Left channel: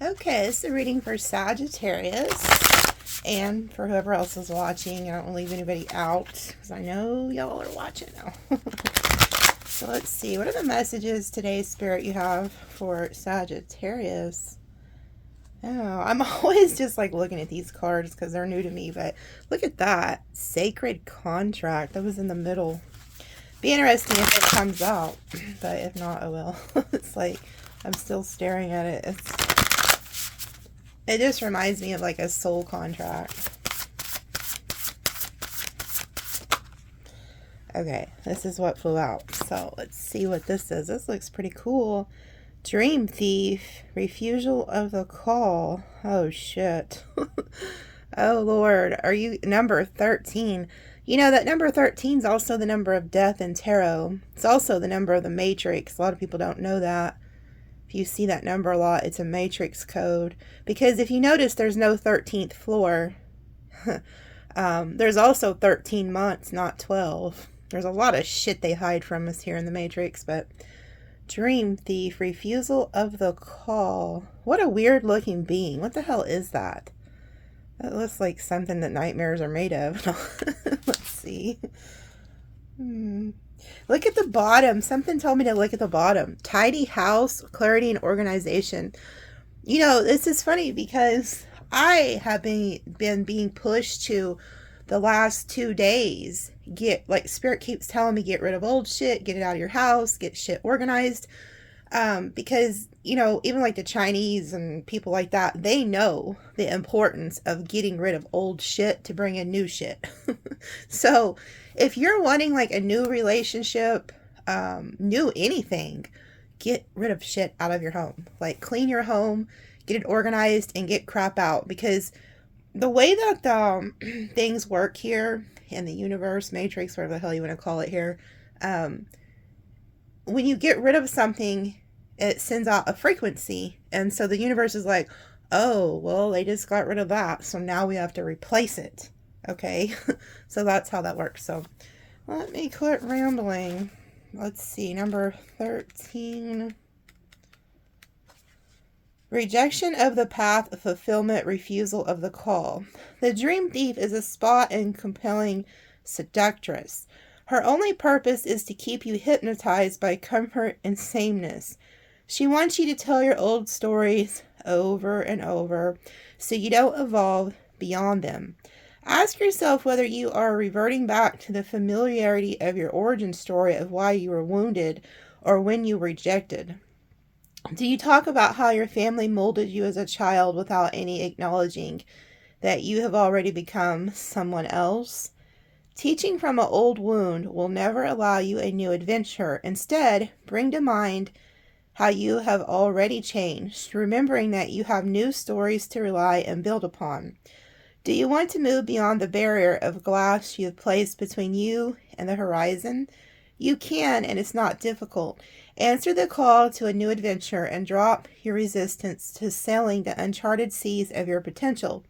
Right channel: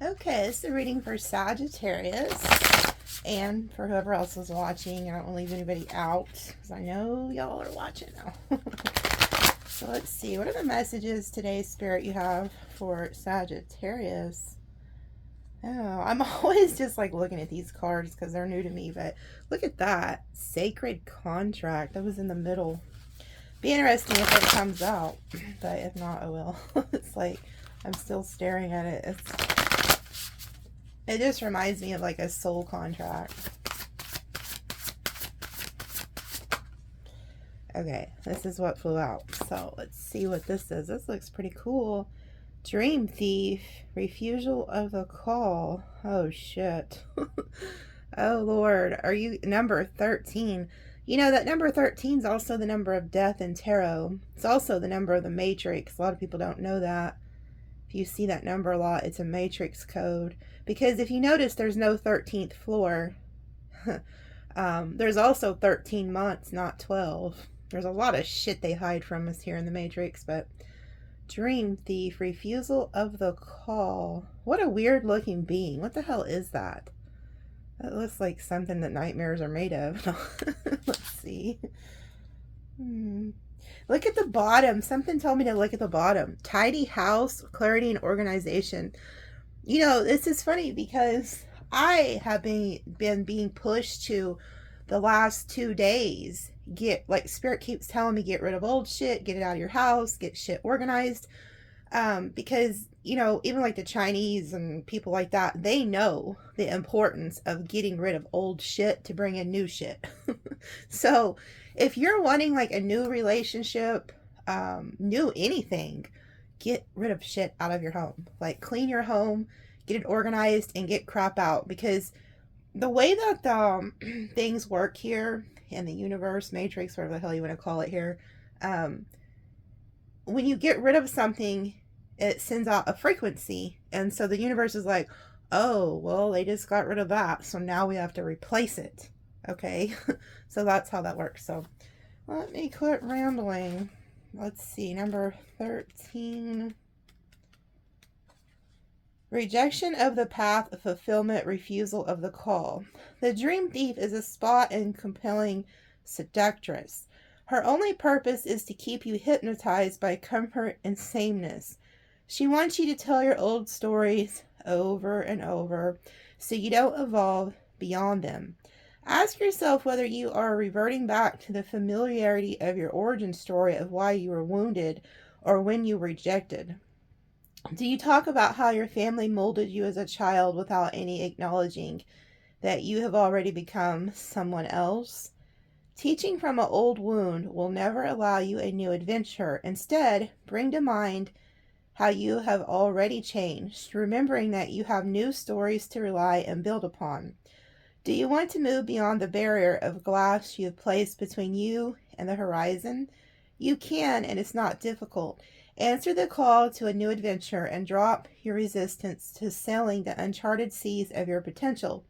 Okay, this is a reading for Sagittarius and for whoever else is watching. I don't want to leave anybody out because I know y'all are watching now. So let's see. What are the messages today, Spirit, you have for Sagittarius? Oh, I'm always just like looking at these cards because they're new to me. But look at that. Sacred Contract. That was in the middle. Be interesting if it comes out. But if not, I will. It's like I'm still staring at it. It just reminds me of like a soul contract. Okay, this is what flew out. So let's see what this is. This looks pretty cool. Dream Thief, refusal of the call. Oh shit. Oh Lord, are you number 13? You know that number 13 is also the number of death in tarot. It's also the number of the matrix. A lot of people don't know that. If you see that number a lot, it's a matrix code. Because if you notice, there's no 13th floor. There's also 13 months, not 12. There's a lot of shit they hide from us here in the matrix, but Dream Thief, refusal of the call. What a weird looking being. What the hell is that? That looks like something that nightmares are made of. Let's see. Look at the bottom. Something told me to look at the bottom. Tidy house, clarity, and organization. You know, this is funny because I have been being pushed to the last 2 days. Spirit keeps telling me, get rid of old shit, get it out of your house, get shit organized. Because, you know, even like the Chinese and people like that, they know the importance of getting rid of old shit to bring in new shit. So if you're wanting like a new relationship, new anything, get rid of shit out of your home. Like clean your home, get it organized, and get crap out. Because the way that things work here in the universe, matrix, whatever the hell you want to call it here, when you get rid of something, it sends out a frequency. And so the universe is like, oh, well, they just got rid of that, so now we have to replace it. Okay? So that's how that works. So let me quit rambling. Let's see, number 13. Rejection of the path of fulfillment, refusal of the call. The Dream Thief is a spot and compelling seductress. Her only purpose is to keep you hypnotized by comfort and sameness. She wants you to tell your old stories over and over so you don't evolve beyond them. Ask yourself whether you are reverting back to the familiarity of your origin story of why you were wounded or when you were rejected. Do you talk about how your family molded you as a child without any acknowledging that you have already become someone else? Teaching from an old wound will never allow you a new adventure. Instead, bring to mind how you have already changed, remembering that you have new stories to rely and build upon. Do you want to move beyond the barrier of glass you have placed between you and the horizon? You can, and it's not difficult. Answer the call to a new adventure and drop your resistance to sailing the uncharted seas of your potential.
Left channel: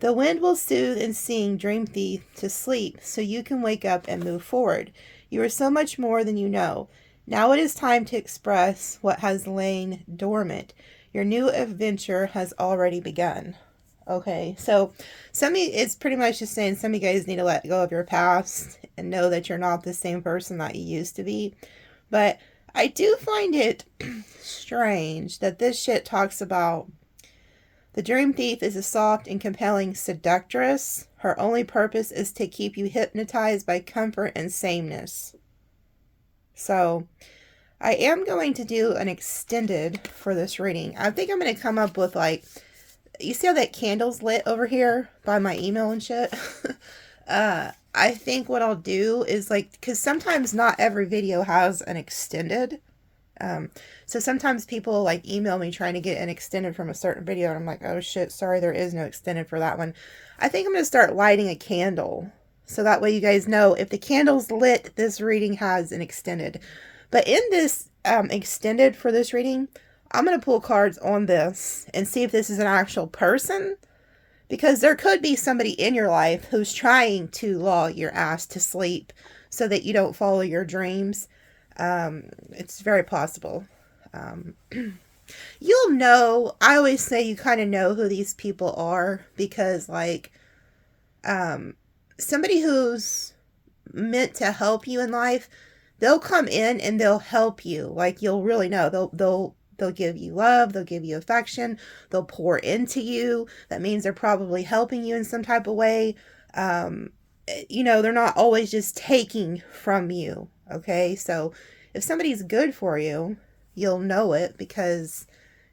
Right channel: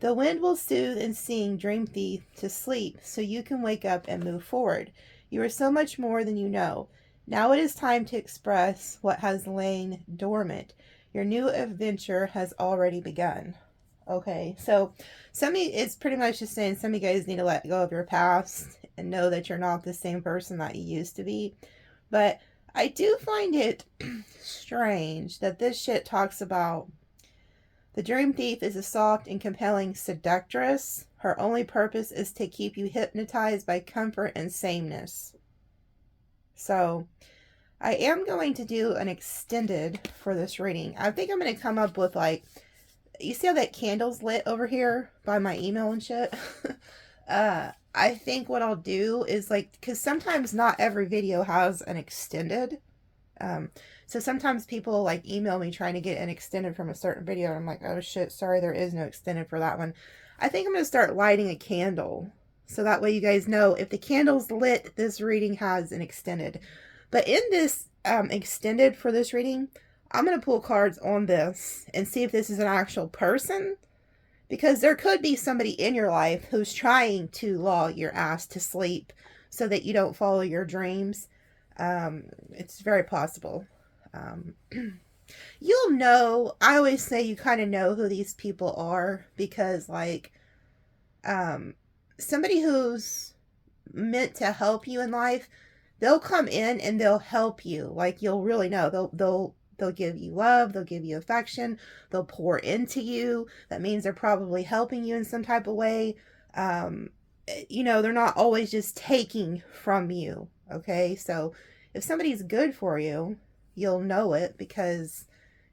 The wind will soothe and sing Dream Thief to sleep so you can wake up and move forward. You are so much more than you know. Now it is time to express what has lain dormant. Your new adventure has already begun. Okay, so it's pretty much just saying some of you guys need to let go of your past and know that you're not the same person that you used to be. But I do find it strange that this shit talks about the Dream Thief is a soft and compelling seductress. Her only purpose is to keep you hypnotized by comfort and sameness. So I am going to do an extended for this reading. I think I'm going to come up with like, you see how that candle's lit over here by my email and shit? I think what I'll do is like, because sometimes not every video has an extended. So sometimes people like email me trying to get an extended from a certain video. And I'm like, oh shit, sorry, there is no extended for that one. I think I'm going to start lighting a candle. So that way you guys know if the candle's lit, this reading has an extended. But in this extended for this reading, I'm going to pull cards on this and see if this is an actual person. Because there could be somebody in your life who's trying to lull your ass to sleep so that you don't follow your dreams. It's very possible. You'll know, I always say you kind of know who these people are, because like somebody who's meant to help you in life, they'll come in and they'll help you. Like, you'll really know. They'll give you love, they'll give you affection, they'll pour into you. That means they're probably helping you in some type of way. They're not always just taking from you. Okay, so if somebody's good for you, you'll know it, because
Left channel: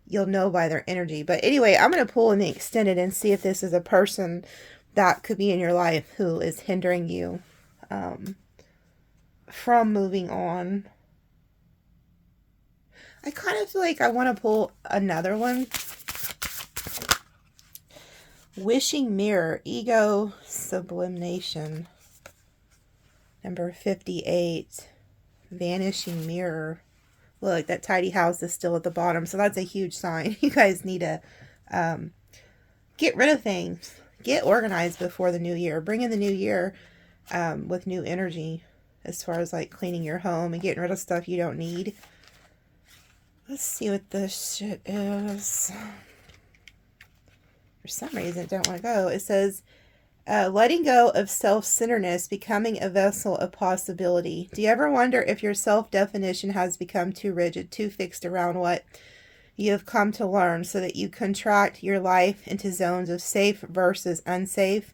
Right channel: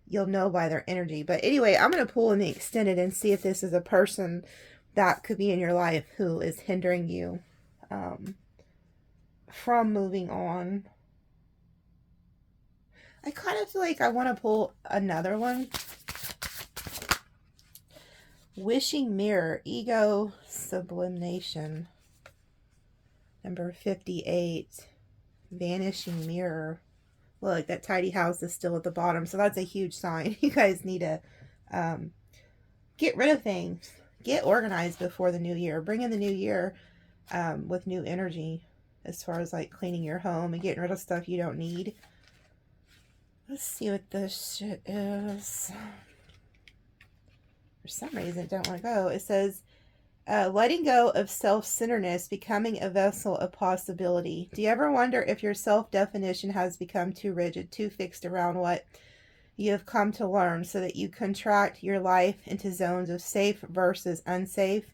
you'll know by their energy. But anyway, I'm going to pull in the extended and see if this is a person that could be in your life who is hindering you from moving on. I kind of feel like I want to pull another one. Wishing Mirror, Ego Sublimation. Number 58. Vanishing Mirror. Look, that tidy house is still at the bottom, so that's a huge sign. You guys need to get rid of things. Get organized before the new year. Bring in the new year with new energy, as far as like cleaning your home and getting rid of stuff you don't need. Let's see what this shit is. For some reason, it don't want to go. It says, letting go of self-centeredness, becoming a vessel of possibility. Do you ever wonder if your self-definition has become too rigid, too fixed around what you have come to learn, so that you contract your life into zones of safe versus unsafe?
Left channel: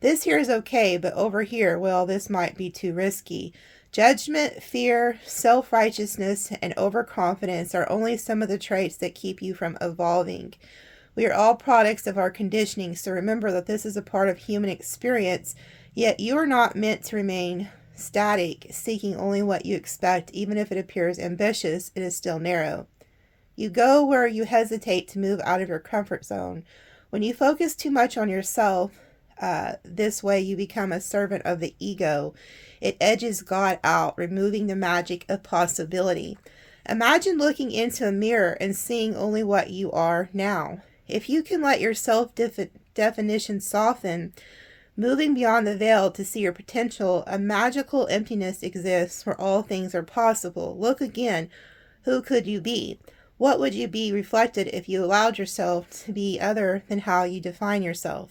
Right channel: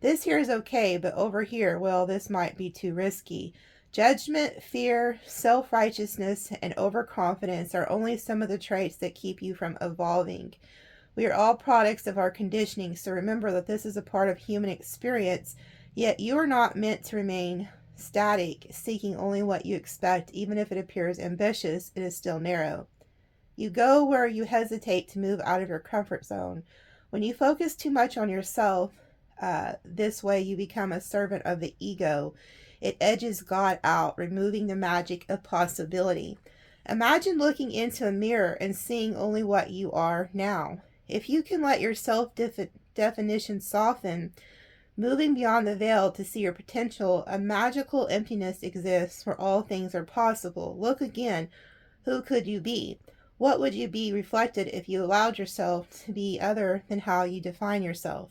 This here is okay, but over here, well, this might be too risky. Judgment, fear, self-righteousness, and overconfidence are only some of the traits that keep you from evolving. We are all products of our conditioning, so remember that this is a part of human experience, yet you are not meant to remain static, seeking only what you expect. Even if it appears ambitious, it is still narrow. You go where you hesitate to move out of your comfort zone. When you focus too much on yourself, this way you become a servant of the ego. It edges God out, removing the magic of possibility. Imagine looking into a mirror and seeing only what you are now. If you can let your self-definition soften, moving beyond the veil to see your potential, a magical emptiness exists where all things are possible. Look again. Who could you be? What would you be reflected if you allowed yourself to be other than how you define yourself?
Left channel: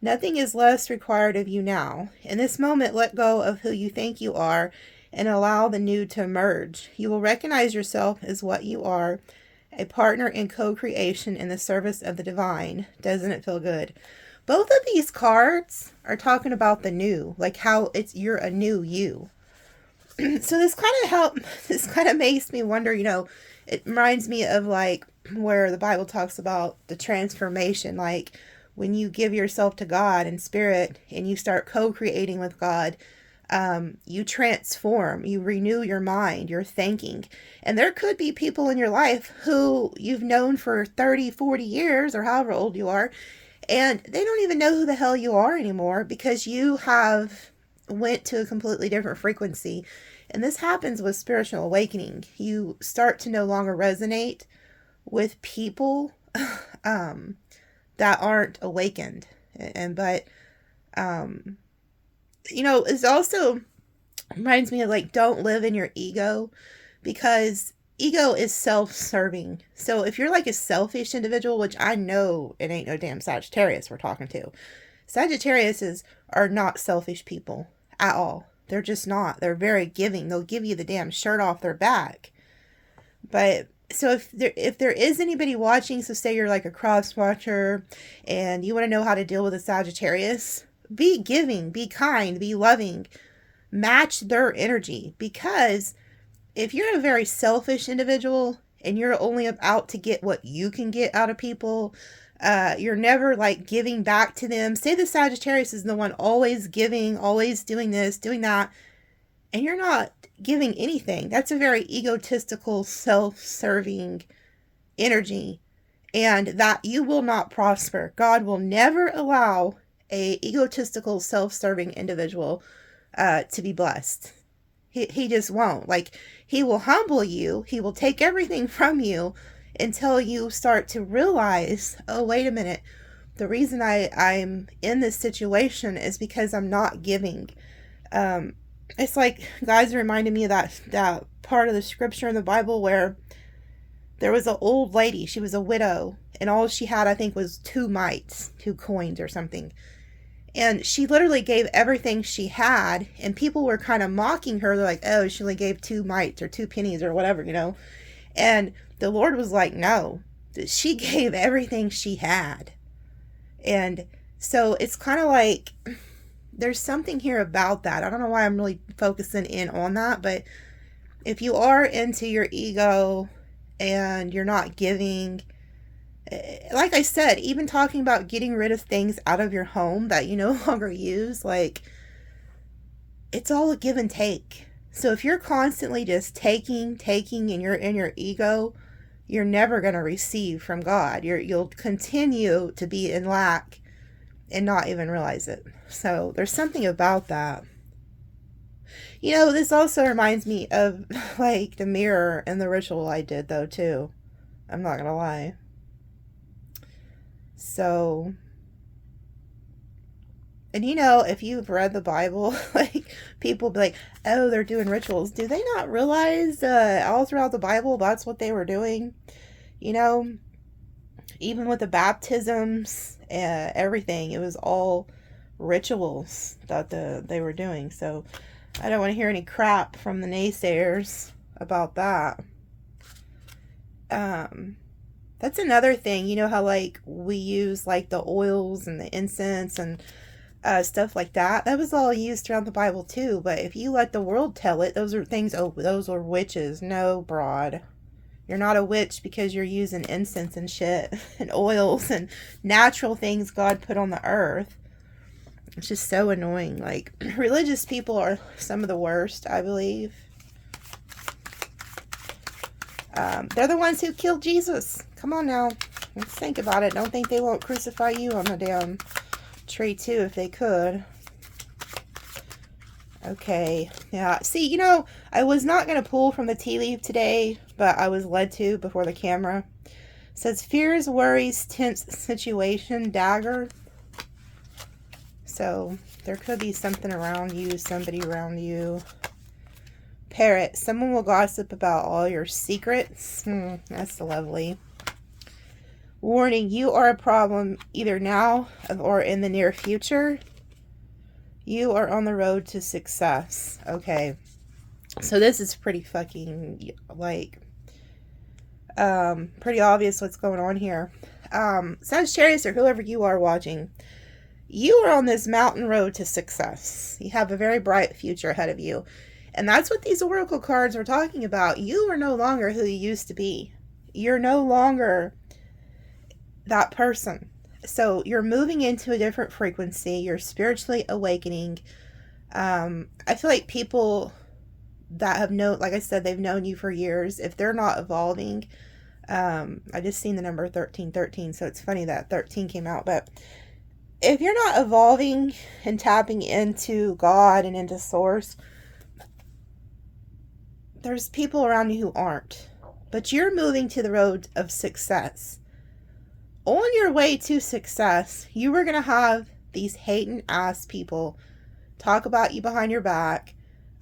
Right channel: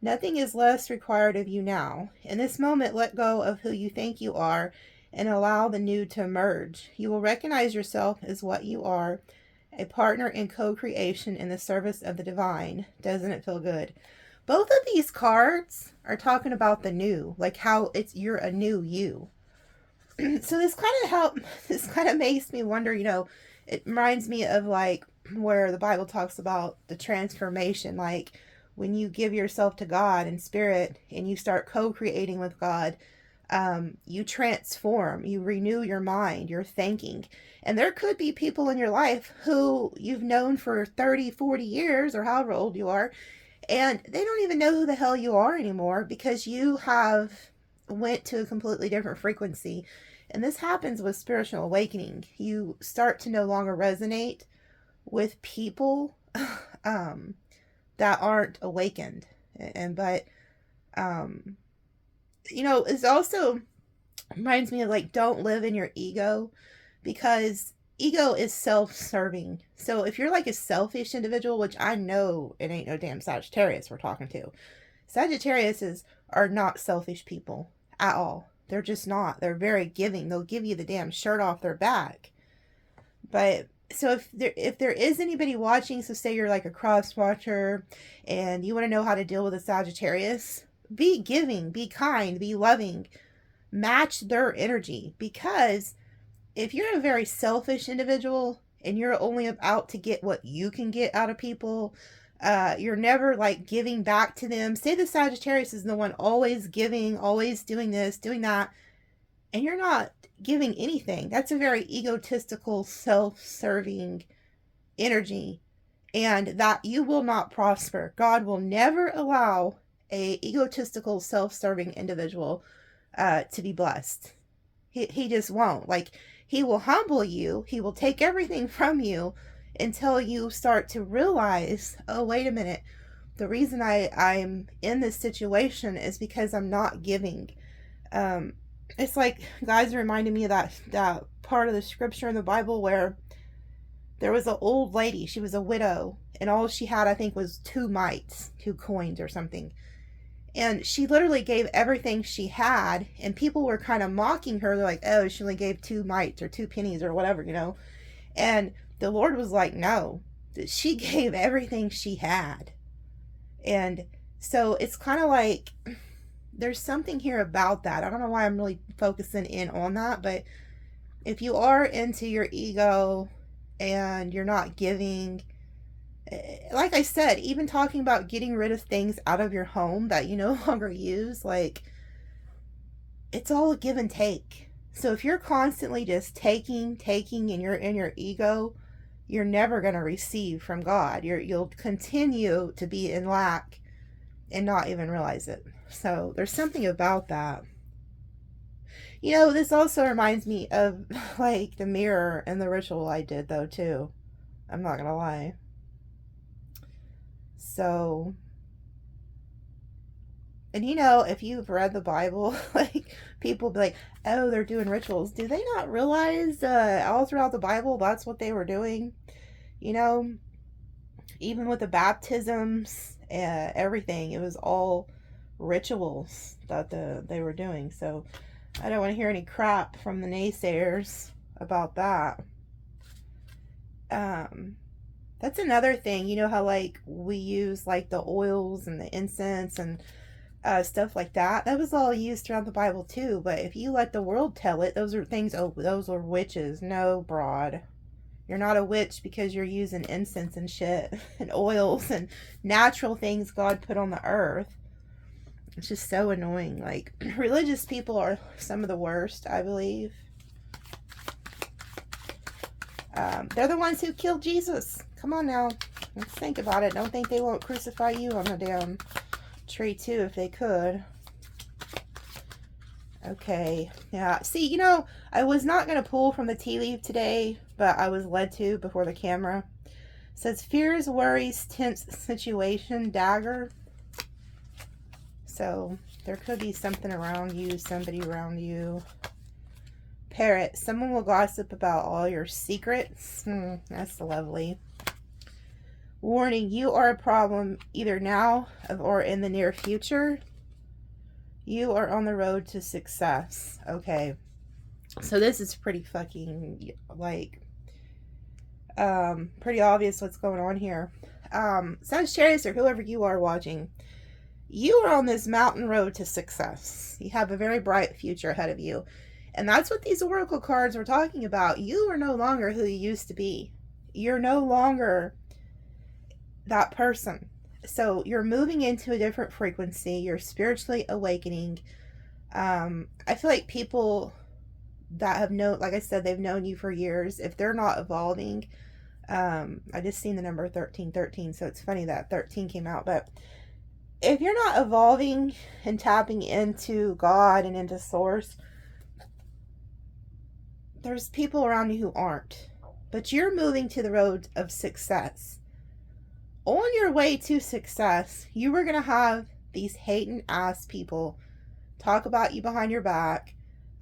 Nothing is less required of you now. In this moment, let go of who you think you are and allow the new to emerge. You will recognize yourself as what you are, a partner in co-creation in the service of the divine. Doesn't it feel good? Both of these cards are talking about the new, like how you're a new you. So this kind of makes me wonder, it reminds me of like where the Bible talks about the transformation, like when you give yourself to God and spirit and you start co-creating with God, you transform, you renew your mind, your thinking. And there could be people in your life who you've known for 30, 40 years or however old you are, and they don't even know who the hell you are anymore because you have went to a completely different frequency. And this happens with spiritual awakening. You start to no longer resonate with people that aren't awakened. It's also reminds me of like, don't live in your ego, because ego is self-serving. So if you're like a selfish individual, which I know it ain't no damn Sagittarius we're talking to. Sagittariuses are not selfish people at all. They're just not. They're very giving. They'll give you the damn shirt off their back. But so if there is anybody watching, so say you're like a cross watcher and you want to know how to deal with a Sagittarius, be giving, be kind, be loving, match their energy. Because if you're a very selfish individual and you're only out to get what you can get out of people, you're never like giving back to them. Say the Sagittarius is the one always giving, always doing this, doing that, and you're not giving anything. That's a very egotistical, self-serving energy, and that you will not prosper. God will never allow a egotistical, self-serving individual to be blessed. He just won't. Like, he will humble you. He will take everything from you until you start to realize, oh, wait a minute. The reason I'm in this situation is because I'm not giving. It's like, guys reminded me of that part of the scripture in the Bible where There was an old lady, she was a widow, and all she had, I think, was 2 mites, 2 coins or something. And she literally gave everything she had, and people were kind of mocking her. They're like, oh, she only gave 2 mites or 2 pennies or whatever, you know. And the Lord was like, no, she gave everything she had. And so it's kind of like, there's something here about that. I don't know why I'm really focusing in on that, but if you are into your ego and you're not giving, like I said, even talking about getting rid of things out of your home that you no longer use, like, it's all a give and take. So if you're constantly just taking, and you're in your ego, you're never going to receive from God. You'll continue to be in lack and not even realize it. So there's something about that. You know, this also reminds me of, like, the mirror and the ritual I did, though, too. I'm not going to lie. So, and you know, if you've read the Bible, like, people be like, oh, they're doing rituals. Do they not realize all throughout the Bible that's what they were doing? You know, even with the baptisms, everything, it was all rituals that they were doing. So I don't want to hear any crap from the naysayers about that. That's another thing. You know how, like, we use, like, the oils and the incense and stuff like that? That was all used throughout the Bible, too. But if you let the world tell it, those are things, oh, those are witches. No, broad. You're not a witch because you're using incense and shit and oils and natural things God put on the earth. It's just so annoying. Like, religious people are some of the worst, I believe. They're the ones who killed Jesus. Come on now. Let's think about it. Don't think they won't crucify you on the damn tree too if they could. Okay. Yeah. See, you know, I was not going to pull from the tea leaf today, but I was led to before the camera. It says, fears, worries, tense situation, dagger. So there could be something around you, somebody around you. Parrot, someone will gossip about all your secrets. That's lovely. Warning, you are a problem either now or in the near future. You are on the road to success. Okay. So this is pretty fucking, like, pretty obvious what's going on here. Sagittarius, or whoever you are watching, you are on this mountain road to success. You have a very bright future ahead of you. And that's what these oracle cards were talking about. You are no longer who you used to be. You're no longer that person. So you're moving into a different frequency. You're spiritually awakening. I feel like people that have known, like I said, they've known you for years. If they're not evolving, I just seen the number 1313. So it's funny that 13 came out. But if you're not evolving and tapping into God and into Source, there's people around you who aren't. But you're moving to the road of success. On your way to success, you were going to have these hating ass people talk about you behind your back.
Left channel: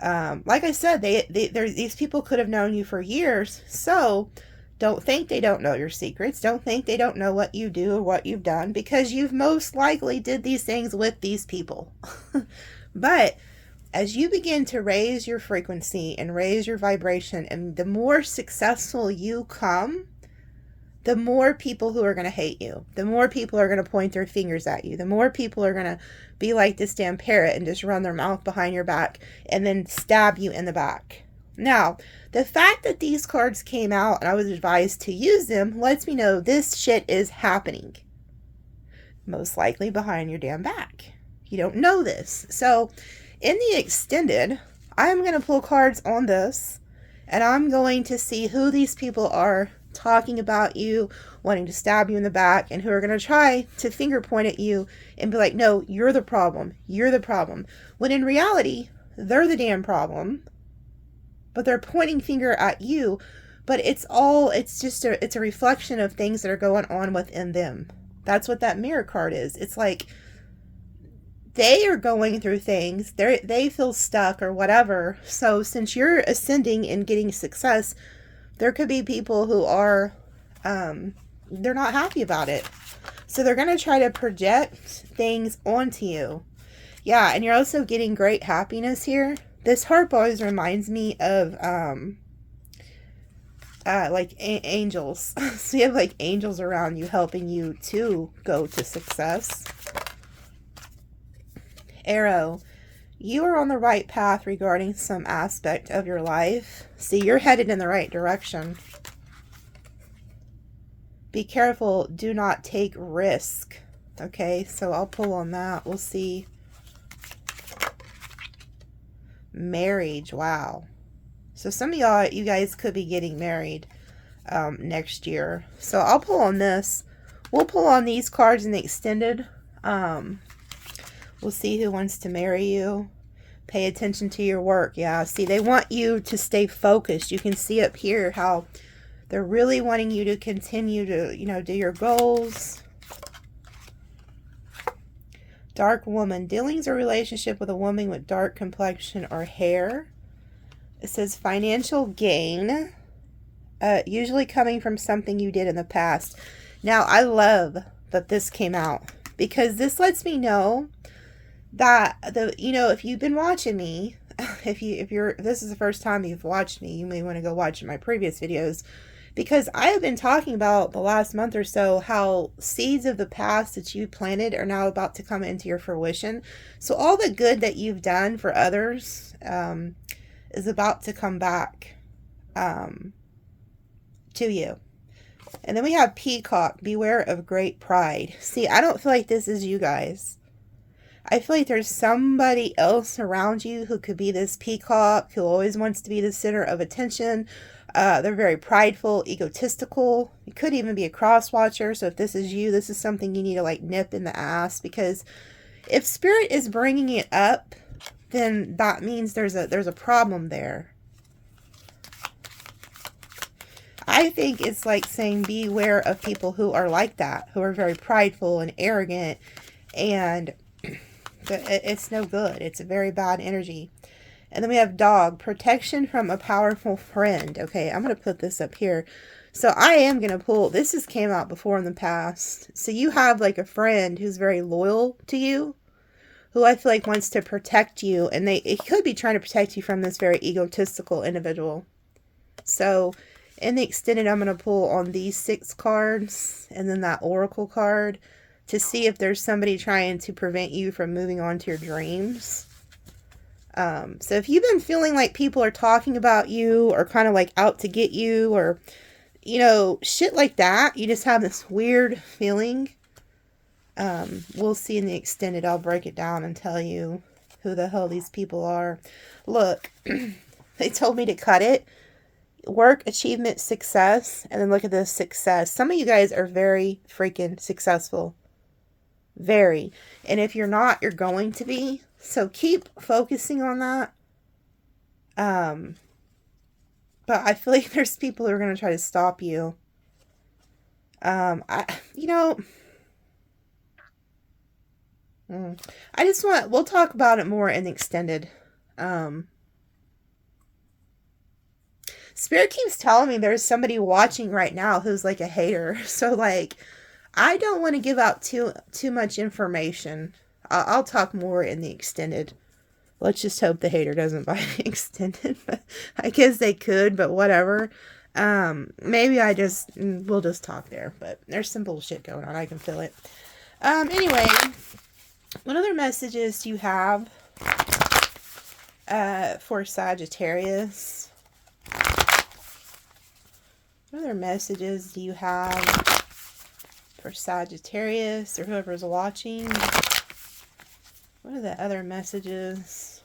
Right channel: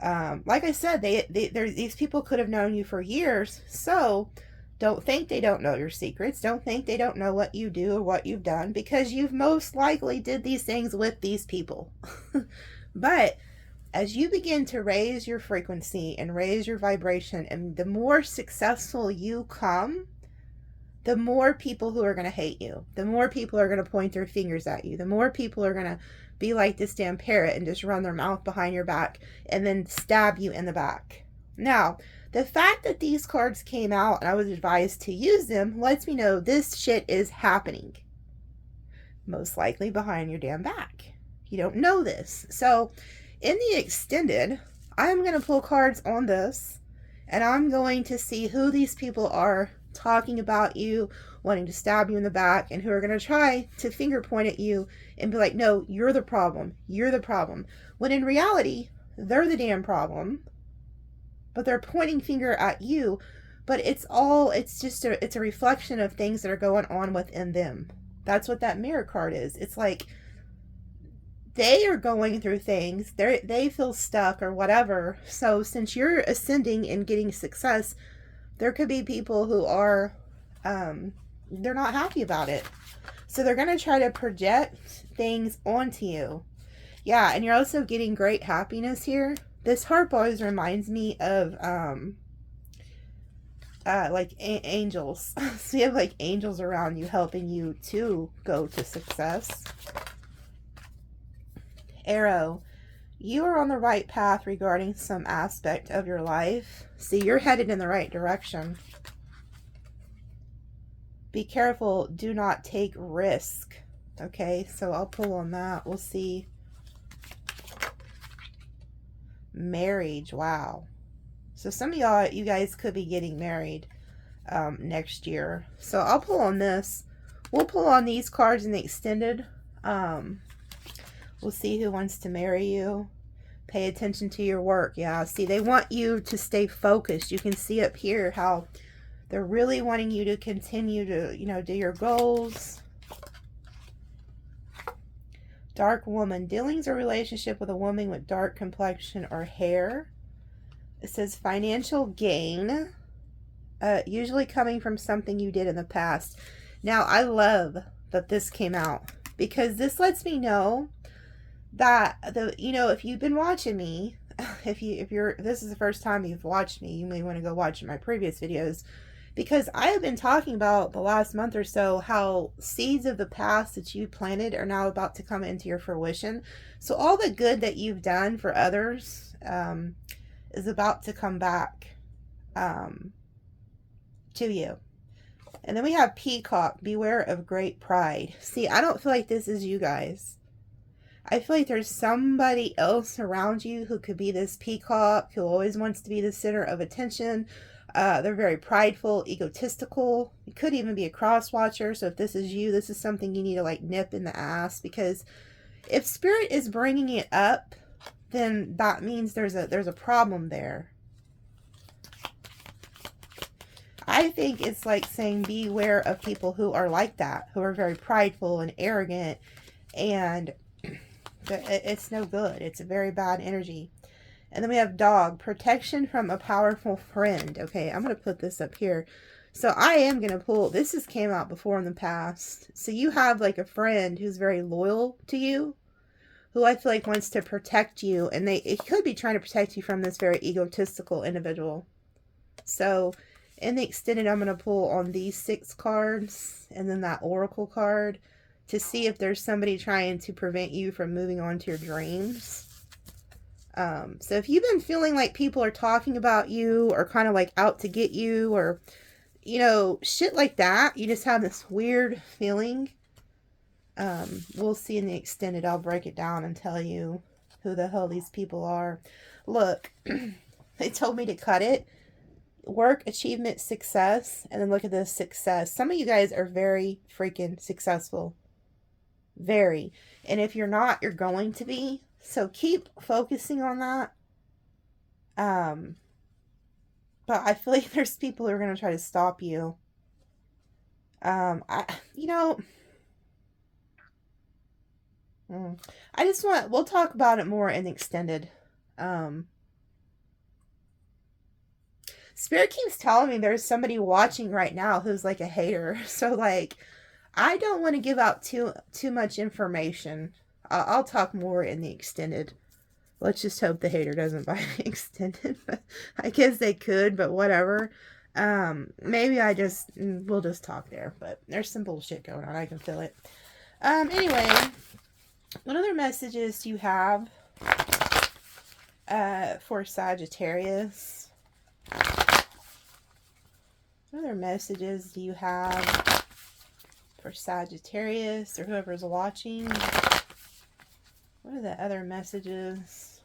Like I said, these people could have known you for years. So don't think they don't know your secrets. Don't think they don't know what you do or what you've done, because you've most likely did these things with these people. But as you begin to raise your frequency and raise your vibration, and the more successful you come, the more people who are going to hate you, the more people are going to point their fingers at you, the more people are going to be like this damn parrot and just run their mouth behind your back and then stab you in the back. Now, the fact that these cards came out and I was advised to use them lets me know this shit is happening. Most likely behind your damn back. You don't know this. So in the extended, I'm going to pull cards on this, and I'm going to see who these people are talking about you, wanting to stab you in the back, and who are going to try to finger point at you and be like, no, you're the problem. You're the problem. When in reality, they're the damn problem, but they're pointing finger at you. But it's a reflection of things that are going on within them. That's what that mirror card is. It's like they are going through things. They feel stuck or whatever. So since you're ascending and getting success, There could be people who are, they're not happy about it. So they're going to try to project things onto you. Yeah, and you're also getting great happiness here. This harp always reminds me of, like angels. So you have like angels around you helping you to go to success. Arrow, you are on the right path regarding some aspect of your life. See, you're headed in the right direction. Be careful, do not take risk. Okay, so I'll pull on that. We'll see. Marriage, wow. So some of y'all, you guys could be getting married next year. So I'll pull on this. We'll pull on these cards in the extended. We'll see who wants to marry you. Pay attention to your work. Yeah, see, they want you to stay focused. You can see up here how they're really wanting you to continue to, you know, do your goals. Dark woman. Dealings or relationship with a woman with dark complexion or hair. It says financial gain. Usually coming from something you did in the past. Now, I love that this came out, because this lets me know that you know, if you've been watching me, if this is the first time you've watched me, you may want to go watch my previous videos, because I have been talking about the last month or so how seeds of the past that you planted are now about to come into your fruition. So all the good that you've done for others is about to come back to you. And then we have peacock. Beware of great pride. See, I don't feel like this is you guys. I feel like there's somebody else around you who could be this peacock, who always wants to be the center of attention. They're very prideful, egotistical. It could even be a cross watcher. So if this is you, this is something you need to like nip in the ass, because if spirit is bringing it up, then that means there's a problem there. I think it's like saying beware of people who are like that, who are very prideful and arrogant, and but it's no good. It's a very bad energy. And then we have dog. Protection from a powerful friend. Okay, I'm going to put this up here. So I am going to pull. This has came out before in the past. So you have like a friend who's very loyal to you, who I feel like wants to protect you. And it could be trying to protect you from this very egotistical individual. So in the extended, I'm going to pull on these 6 cards and then that oracle card to see if there's somebody trying to prevent you from moving on to your dreams. So if you've been feeling like people are talking about you or kind of like out to get you, or, you know, shit like that, you just have this weird feeling. We'll see in the extended. I'll break it down and tell you who the hell these people are. Look, they told me to cut it. Work, achievement, success. And then look at this success. Some of you guys are very freaking successful. Very. And if you're not, you're going to be. So keep focusing on that. But I feel like there's people who are going to try to stop you. I just we'll talk about it more in the extended. Spirit keeps telling me there's somebody watching right now who's like a hater. So like, I don't want to give out too much information. I'll talk more in the extended. Let's just hope the hater doesn't buy the extended. But I guess they could, but whatever. Maybe we'll just talk there. But there's some bullshit going on. I can feel it. Anyway, what other messages do you have for Sagittarius? What other messages do you have for Sagittarius or whoever's watching? What are the other messages?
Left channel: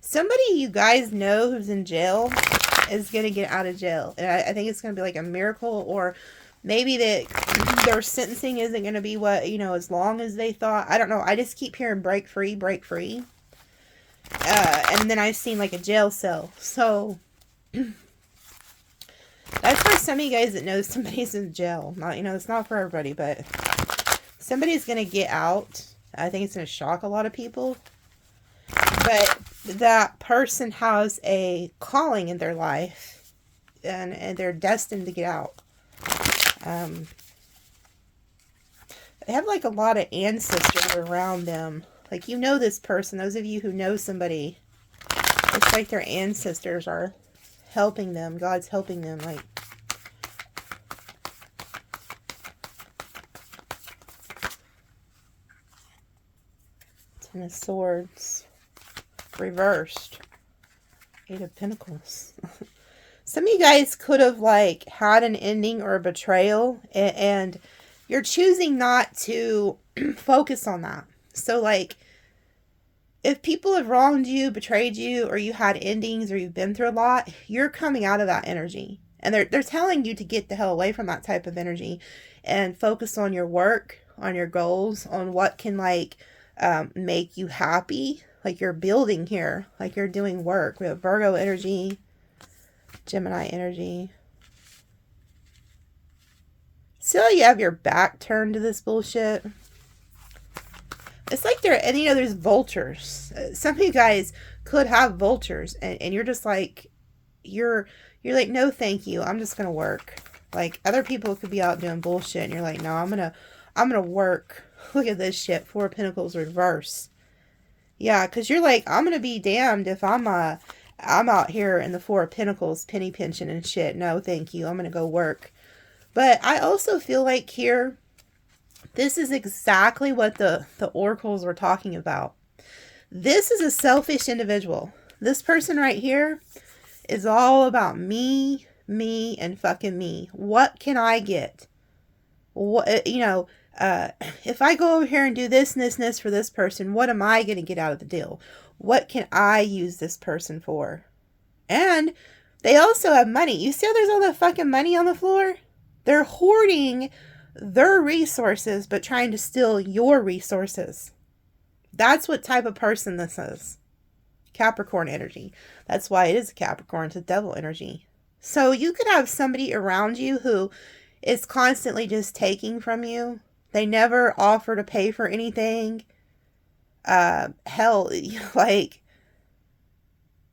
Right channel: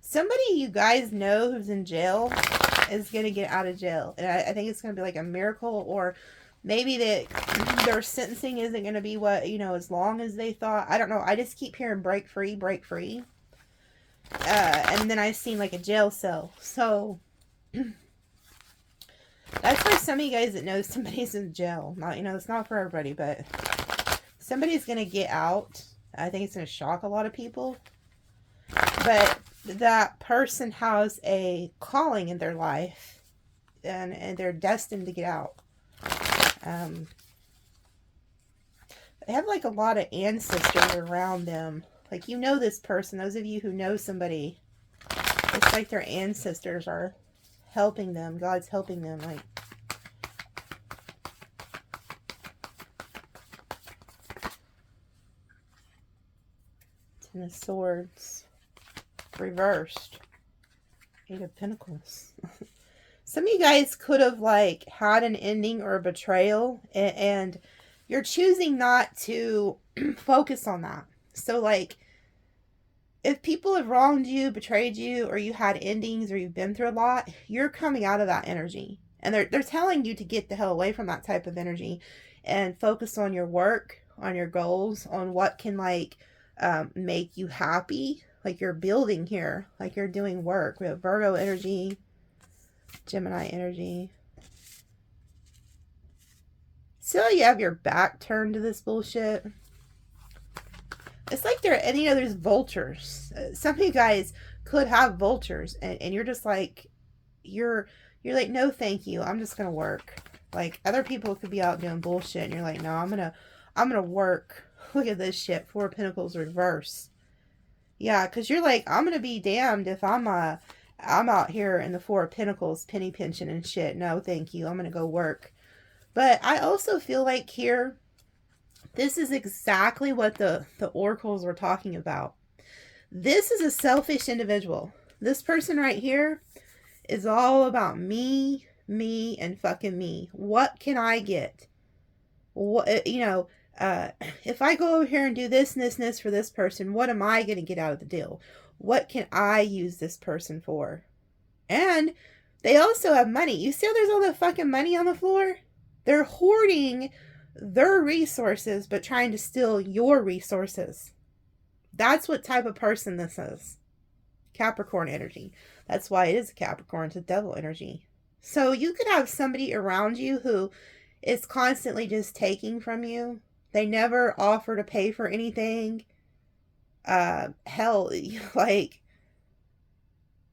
Somebody you guys know who's in jail is going to get out of jail. And I think it's going to be like a miracle, or maybe that their sentencing isn't going to be what, you know, as long as they thought. I don't know. I just keep hearing break free, break free. And then I've seen like a jail cell. So that's for some of you guys that know somebody's in jail. Not, you know, it's not for everybody, but somebody's going to get out. I think it's going to shock a lot of people. But that person has a calling in their life, and they're destined to get out. They have like a lot of ancestors around them. Like, you know this person, those of you who know somebody, it's like their ancestors are helping them. God's helping them. Like, Ten of Swords. Reversed. Eight of Pentacles. Some of you guys could have like had an ending or a betrayal, and you're choosing not to focus on that. So like, if people have wronged you, betrayed you, or you had endings, or you've been through a lot, you're coming out of that energy. And they're telling you to get the hell away from that type of energy and focus on your work, on your goals, on what can like make you happy. Like you're building here, like you're doing work. We have Virgo energy, Gemini energy. So you have your back turned to this bullshit. It's like there's vultures. Some of you guys could have vultures, and you're just like, you're like, no thank you, I'm just gonna work. Like, other people could be out doing bullshit, and you're like, no, I'm gonna work. Look at this shit, Four of Pentacles reverse. Yeah, because you're like, I'm gonna be damned if I'm out here in the Four of Pentacles penny pinching and shit. No thank you, I'm gonna go work. But I also feel like here, this is exactly what the oracles were talking about. This is a selfish individual. This person right here is all about me, and fucking me. What can I get? What, if I go over here and do this and this and this for this person, what am I going to get out of the deal? What can I use this person for? And they also have money. You see how there's all that fucking money on the floor? They're hoarding their resources, but trying to steal your resources. That's what type of person this is. Capricorn energy. That's why it is a Capricorn. It's a devil energy. So you could have somebody around you who is constantly just taking from you. They never offer to pay for anything. Hell, like,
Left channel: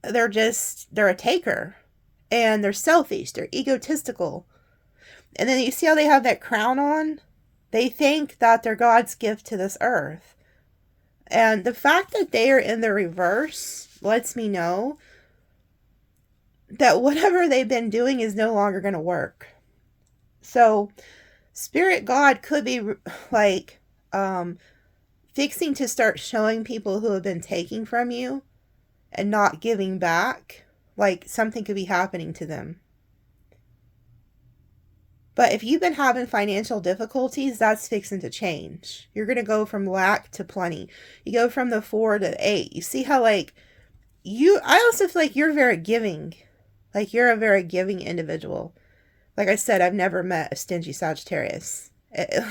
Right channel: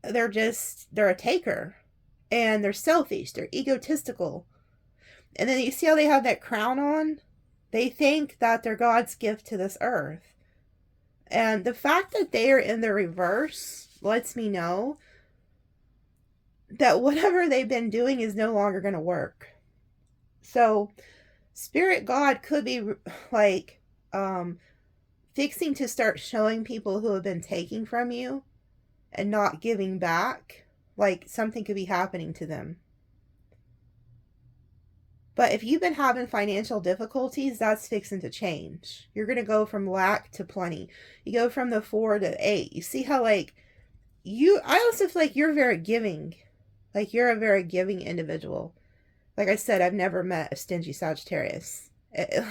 they're a taker. And they're selfish. They're egotistical. And then you see how they have that crown on? They think that they're God's gift to this earth. And the fact that they are in the reverse lets me know that whatever they've been doing is no longer going to work. So, Spirit God could be like fixing to start showing people who have been taking from you and not giving back. Like, something could be happening to them. But if you've been having financial difficulties, that's fixing to change. You're going to go from lack to plenty. You go from the 4 to 8. You see how, like, I also feel like you're very giving. Like, you're a very giving individual. Like I said, I've never met a stingy Sagittarius.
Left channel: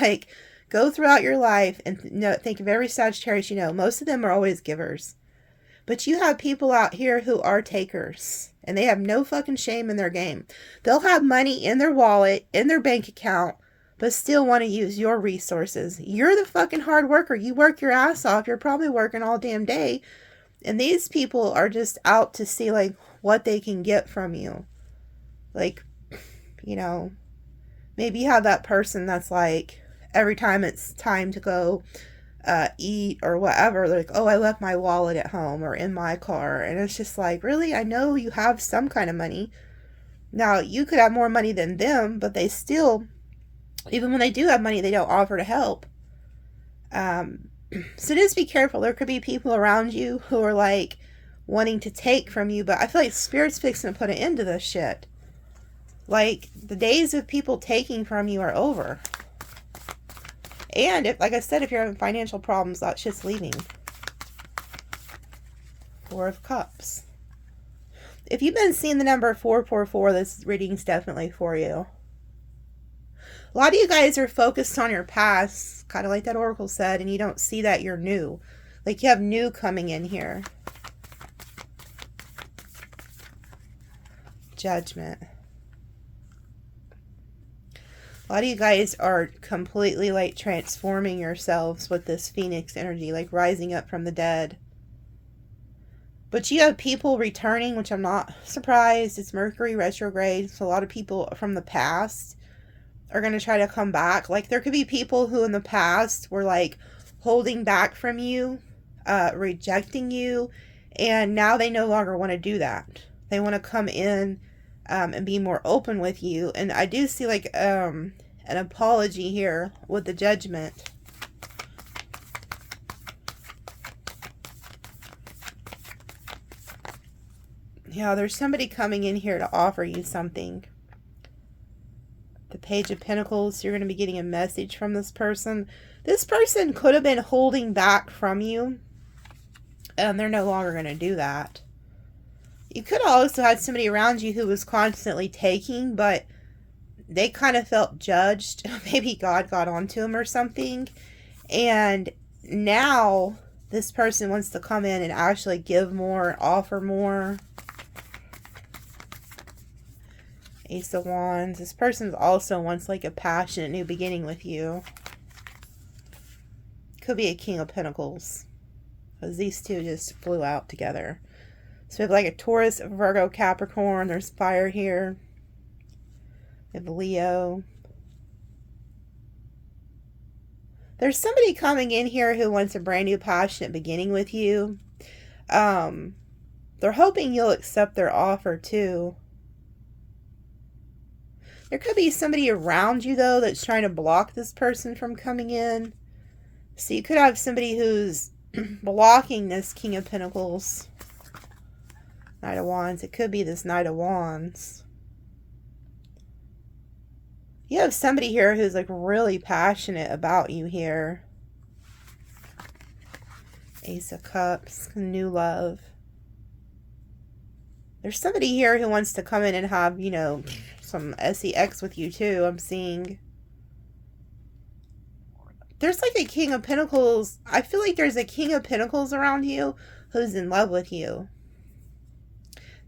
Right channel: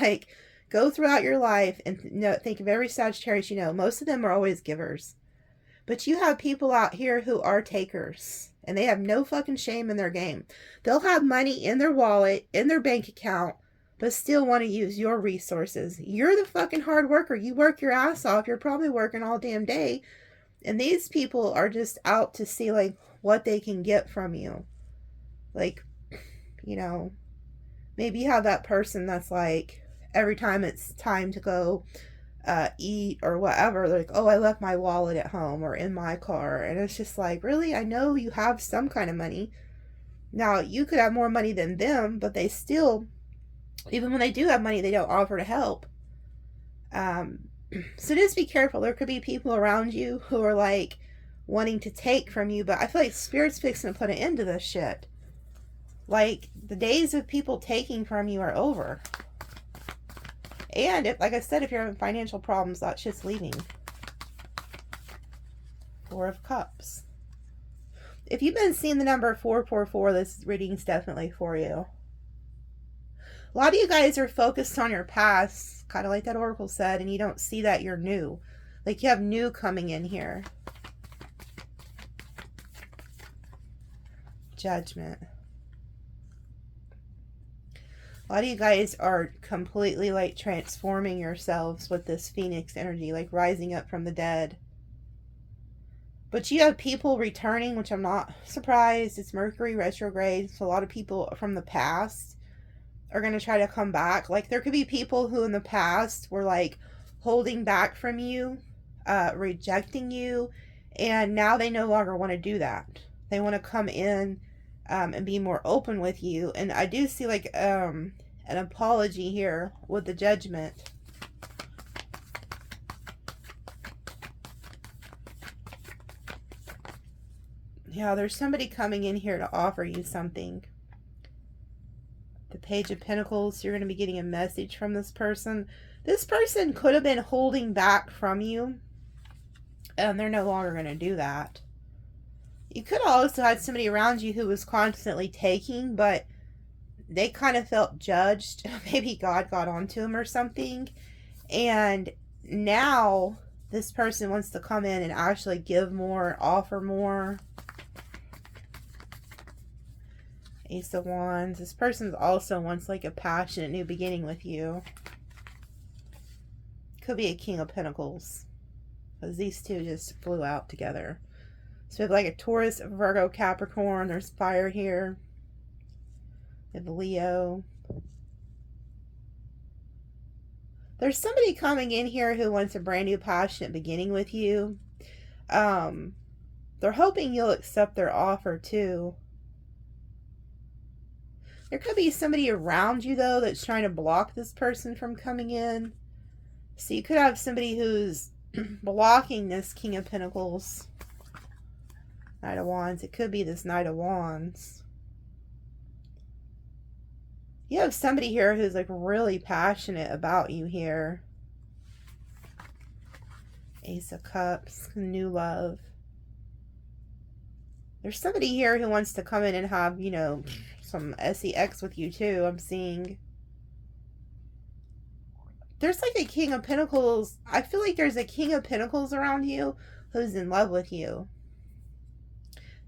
Like, go throughout your life and think of every Sagittarius you know. Most of them are always givers. But you have people out here who are takers. And they have no fucking shame in their game. They'll have money in their wallet, in their bank account, but still want to use your resources. You're the fucking hard worker. You work your ass off. You're probably working all damn day. And these people are just out to see, like, what they can get from you. Like, maybe you have that person that's like, every time it's time to go eat or whatever, like, oh, I left my wallet at home or in my car. And it's just like, really? I know you have some kind of money. Now, you could have more money than them, but they still, even when they do have money, they don't offer to help. So just be careful. There could be people around you who are like wanting to take from you, but I feel like Spirit's fixing to put an end to this shit. Like, the days of people taking from you are over. And, like I said, if you're having financial problems, that shit's leaving. 4 of Cups. If you've been seeing the number 444, this reading's definitely for you. A lot of you guys are focused on your past, kind of like that oracle said, and you don't see that you're new. Like, you have new coming in here. Judgment. A lot of you guys are completely like transforming yourselves with this Phoenix energy, like rising up from the dead. But you have people returning, which I'm not surprised. It's Mercury retrograde. So a lot of people from the past are going to try to come back. Like, there could be people who in the past were like holding back from you, rejecting you, and now they no longer want to do that. They want to come in and be more open with you. And I do see like an apology here with the Judgment. Yeah, there's somebody coming in here to offer you something. The Page of Pentacles, you're going to be getting a message from this person. This person could have been holding back from you, and they're no longer going to do that. You could also have somebody around you who was constantly taking, but they kind of felt judged. Maybe God got onto them or something. And now this person wants to come in and actually give more, offer more. Ace of Wands. This person also wants like a passionate new beginning with you. Could be a King of Pentacles, because these two just flew out together. So we have like a Taurus, Virgo, Capricorn. There's fire here. We have Leo. There's somebody coming in here who wants a brand new passionate beginning with you. They're hoping you'll accept their offer too. There could be somebody around you, though, that's trying to block this person from coming in. So you could have somebody who's blocking this King of Pentacles. Knight of Wands. It could be this Knight of Wands. You have somebody here who's like really passionate about you here. Ace of Cups. New love. There's somebody here who wants to come in and have, you know, some sex with you too. I'm seeing there's like a King of Pentacles. I feel like there's a King of Pentacles around you who's in love with you.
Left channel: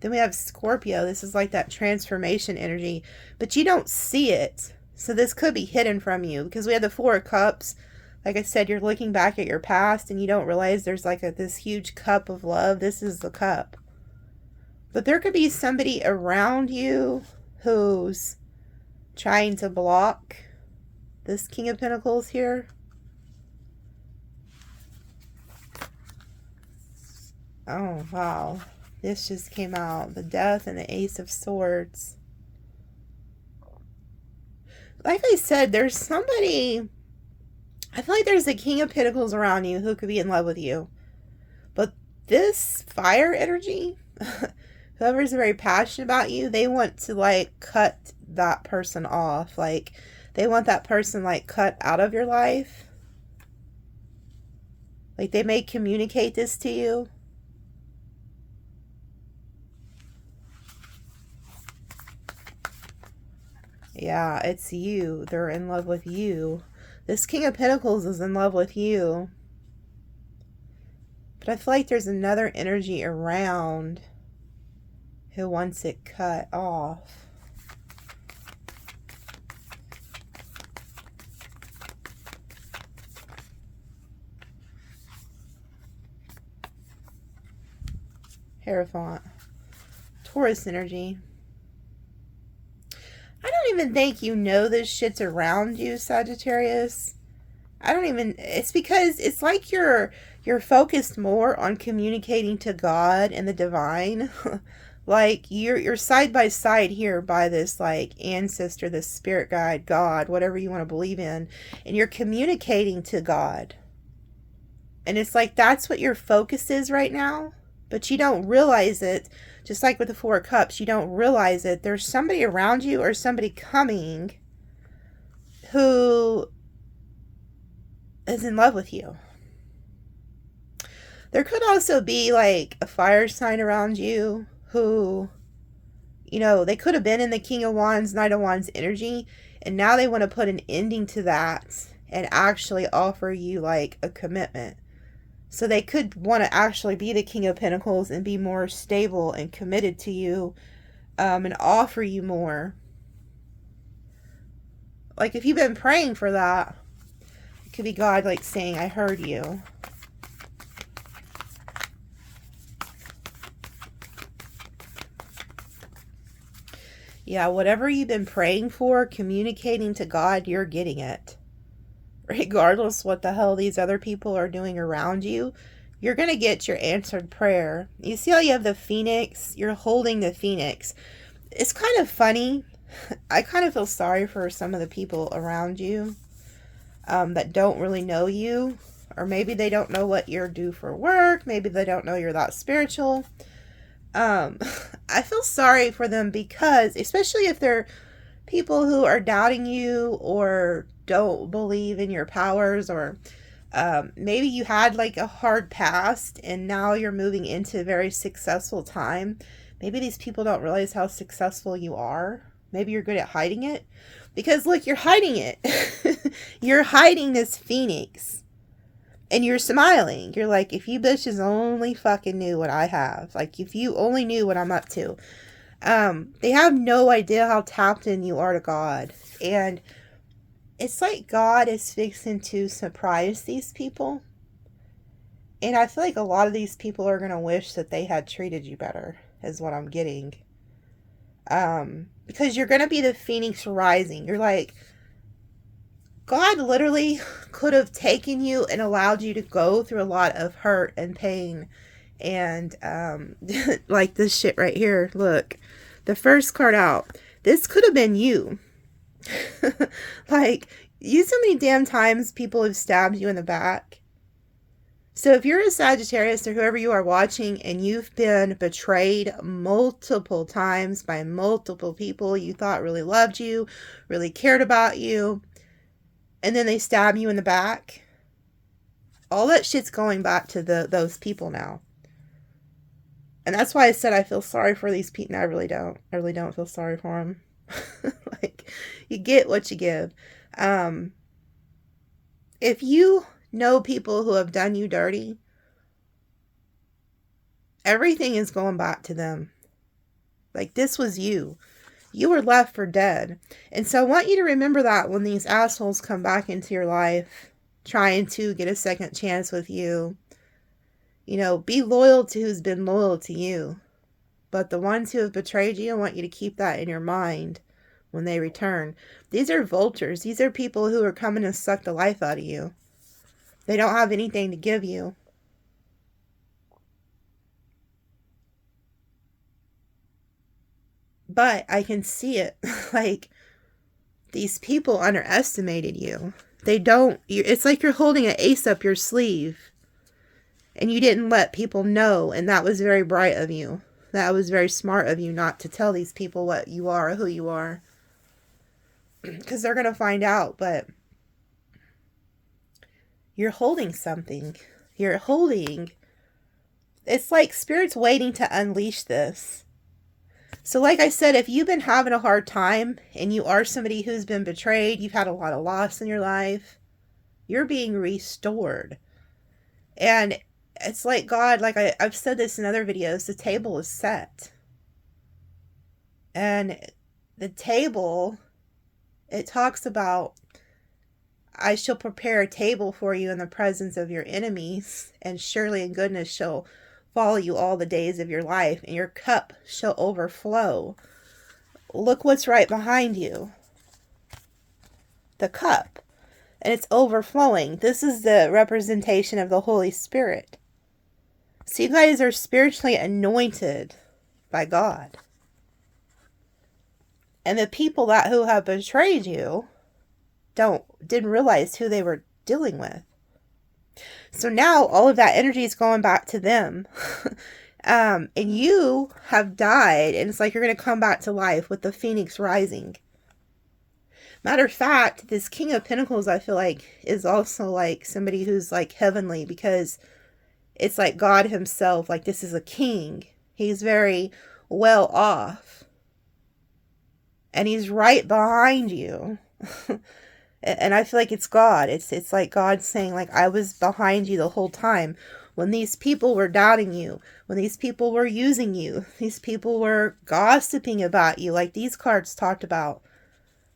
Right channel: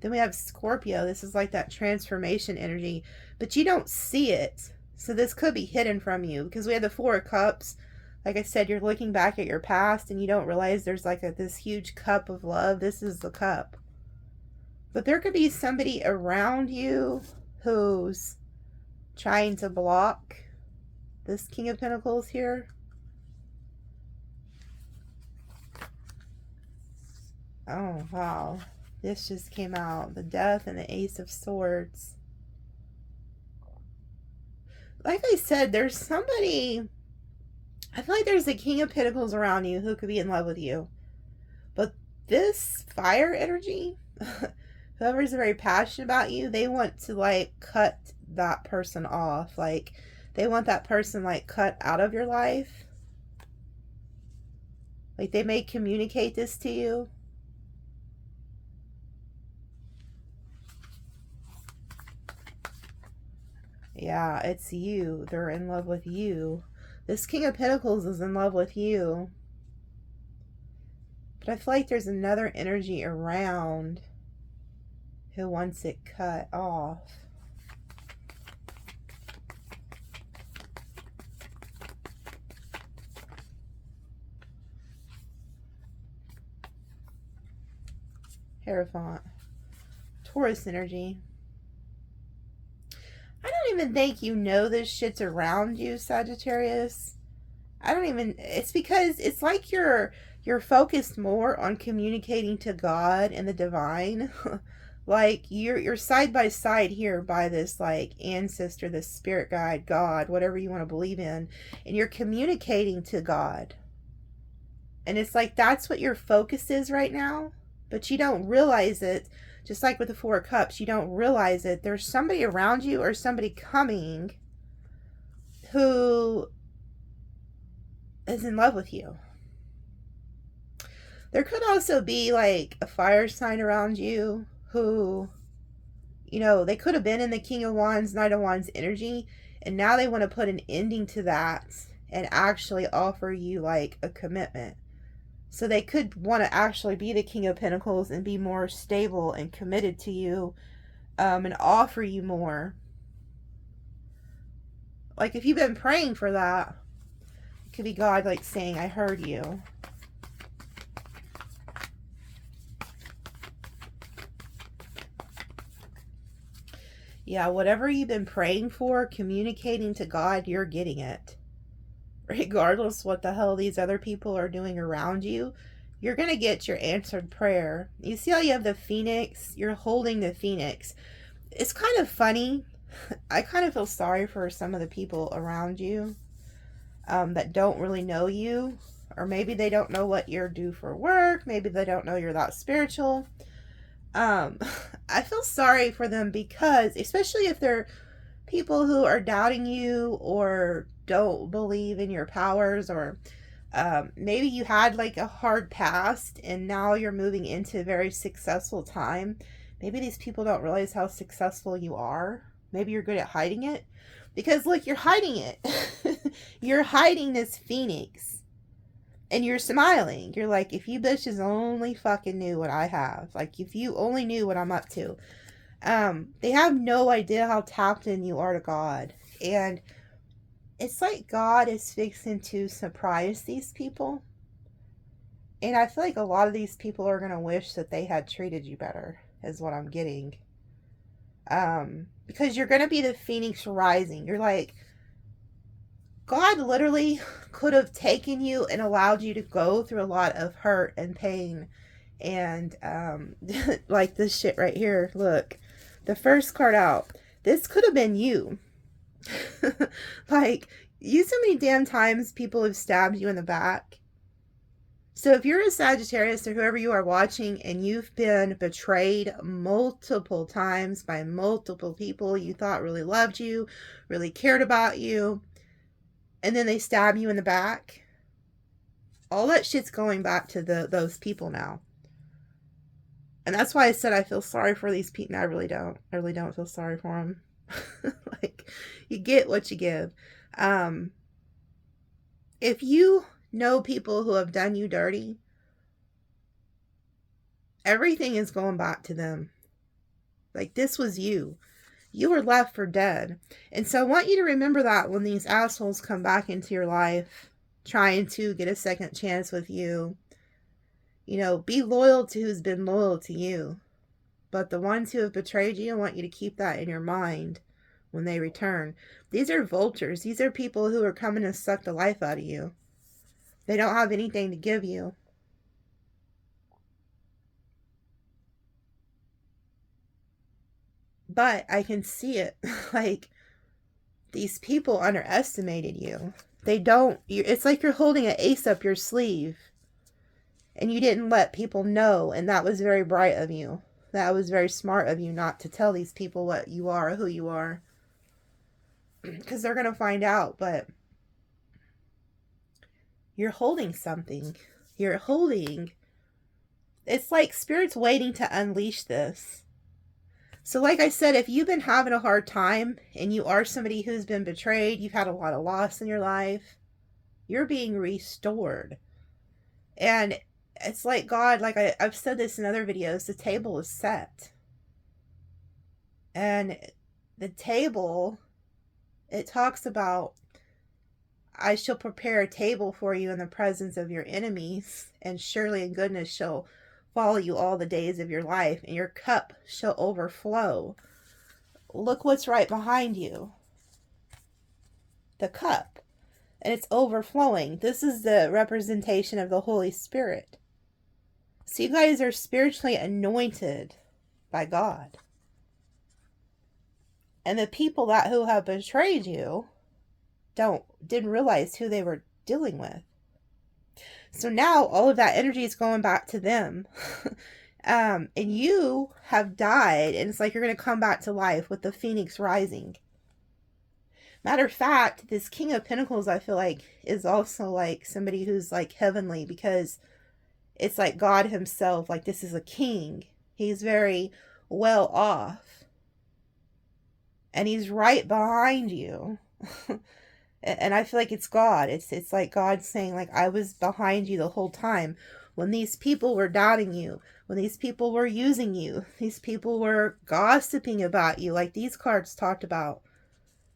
Then we have Scorpio. This is like that transformation energy, but you don't see it. So this could be hidden from you, because we have the Four of Cups. Like I said, you're looking back at your past and you don't realize there's like this huge cup of love. This is the cup. But there could be somebody around you who's trying to block this King of Pentacles here. Oh, wow. This just came out. The Death and the Ace of Swords. Like I said, there's somebody... I feel like there's a King of Pentacles around you who could be in love with you. But this fire energy... Whoever's very passionate about you, they want to like cut that person off. Like they want that person like cut out of your life. Like they may communicate this to you. Yeah, it's you. They're in love with you. This King of Pentacles is in love with you. But I feel like there's another energy around who wants it cut off. Hierophant. Taurus energy. I don't even think you know this shit's around you, Sagittarius. It's because it's like you're focused more on communicating to God and the divine. Like you're side by side here by this like ancestor, this spirit guide, God, whatever you want to believe in, and you're communicating to God. And it's like that's what your focus is right now, but you don't realize it. Just like with the Four of Cups, you don't realize it. There's somebody around you or somebody coming who is in love with you. There could also be like a fire sign around you who, you know, they could have been in the King of Wands, Knight of Wands energy, and now they want to put an ending to that and actually offer you like a commitment. So they could want to actually be the King of Pentacles and be more stable and committed to you, and offer you more. Like if you've been praying for that, it could be God like saying, I heard you. Yeah, whatever you've been praying for, communicating to God, you're getting it. Regardless what the hell these other people are doing around you, you're going to get your answered prayer. You see how you have the phoenix? You're holding the phoenix. It's kind of funny. I kind of feel sorry for some of the people around you that don't really know you. Or maybe they don't know what you're due for work. Maybe they don't know you're that spiritual. I feel sorry for them because, especially if they're people who are doubting you or don't believe in your powers, or maybe you had like a hard past and now you're moving into a very successful time. Maybe these people don't realize how successful you are. Maybe you're good at hiding it. Because look, you're hiding it. You're hiding this phoenix. And you're smiling. You're like, if you bitches only fucking knew what I have. Like, if you only knew what I'm up to. They have no idea how tapped in you are to God. And it's like God is fixing to surprise these people. And I feel like a lot of these people are going to wish that they had treated you better, is what I'm getting. Because you're going to be the phoenix rising. You're like, God literally could have taken you and allowed you to go through a lot of hurt and pain. And like this shit right here. Look, the first card out. This could have been you. Like, you so many damn times people have stabbed you in the back. So if you're a Sagittarius or whoever you are watching and you've been betrayed multiple times by multiple people you thought really loved you, really cared about you, and then they stab you in the back, all that shit's going back to those people now. And that's why I said I feel sorry for these people. No, I really don't. I really don't feel sorry for them. Like, you get what you give. If you know people who have done you dirty, everything is going back to them. Like, this was you. You were left for dead. And so I want you to remember that when these assholes come back into your life, trying to get a second chance with you. You know, be loyal to who's been loyal to you. But the ones who have betrayed you, I want you to keep that in your mind when they return. These are vultures. These are people who are coming to suck the life out of you. They don't have anything to give you. But I can see it. Like, these people underestimated you. They don't. It's like you're holding an ace up your sleeve. And you didn't let people know. And that was very bright of you. That was very smart of you not to tell these people what you are or who you are. Because they're going to find out. But you're holding something. You're holding. It's like Spirit's waiting to unleash this. So like I said, if you've been having a hard time and you are somebody who's been betrayed, you've had a lot of loss in your life, you're being restored. And it's like God, like I've said this in other videos, the table is set. And the table, it talks about, I shall prepare a table for you in the presence of your enemies, and surely in goodness shall follow you all the days of your life, and your cup shall overflow. Look what's right behind you. The cup. And it's overflowing. This is the representation of the Holy Spirit. So you guys are spiritually anointed by God. And the people who have betrayed you didn't realize who they were dealing with. So now all of that energy is going back to them. And you have died, and it's like you're going to come back to life with the phoenix rising. Matter of fact, this King of Pentacles, I feel like, is also like somebody who's like heavenly, because it's like God himself. Like, this is a king. He's very well off. And he's right behind you. And I feel like it's God. It's like God saying, like, I was behind you the whole time. When these people were doubting you, when these people were using you, these people were gossiping about you, like these cards talked about,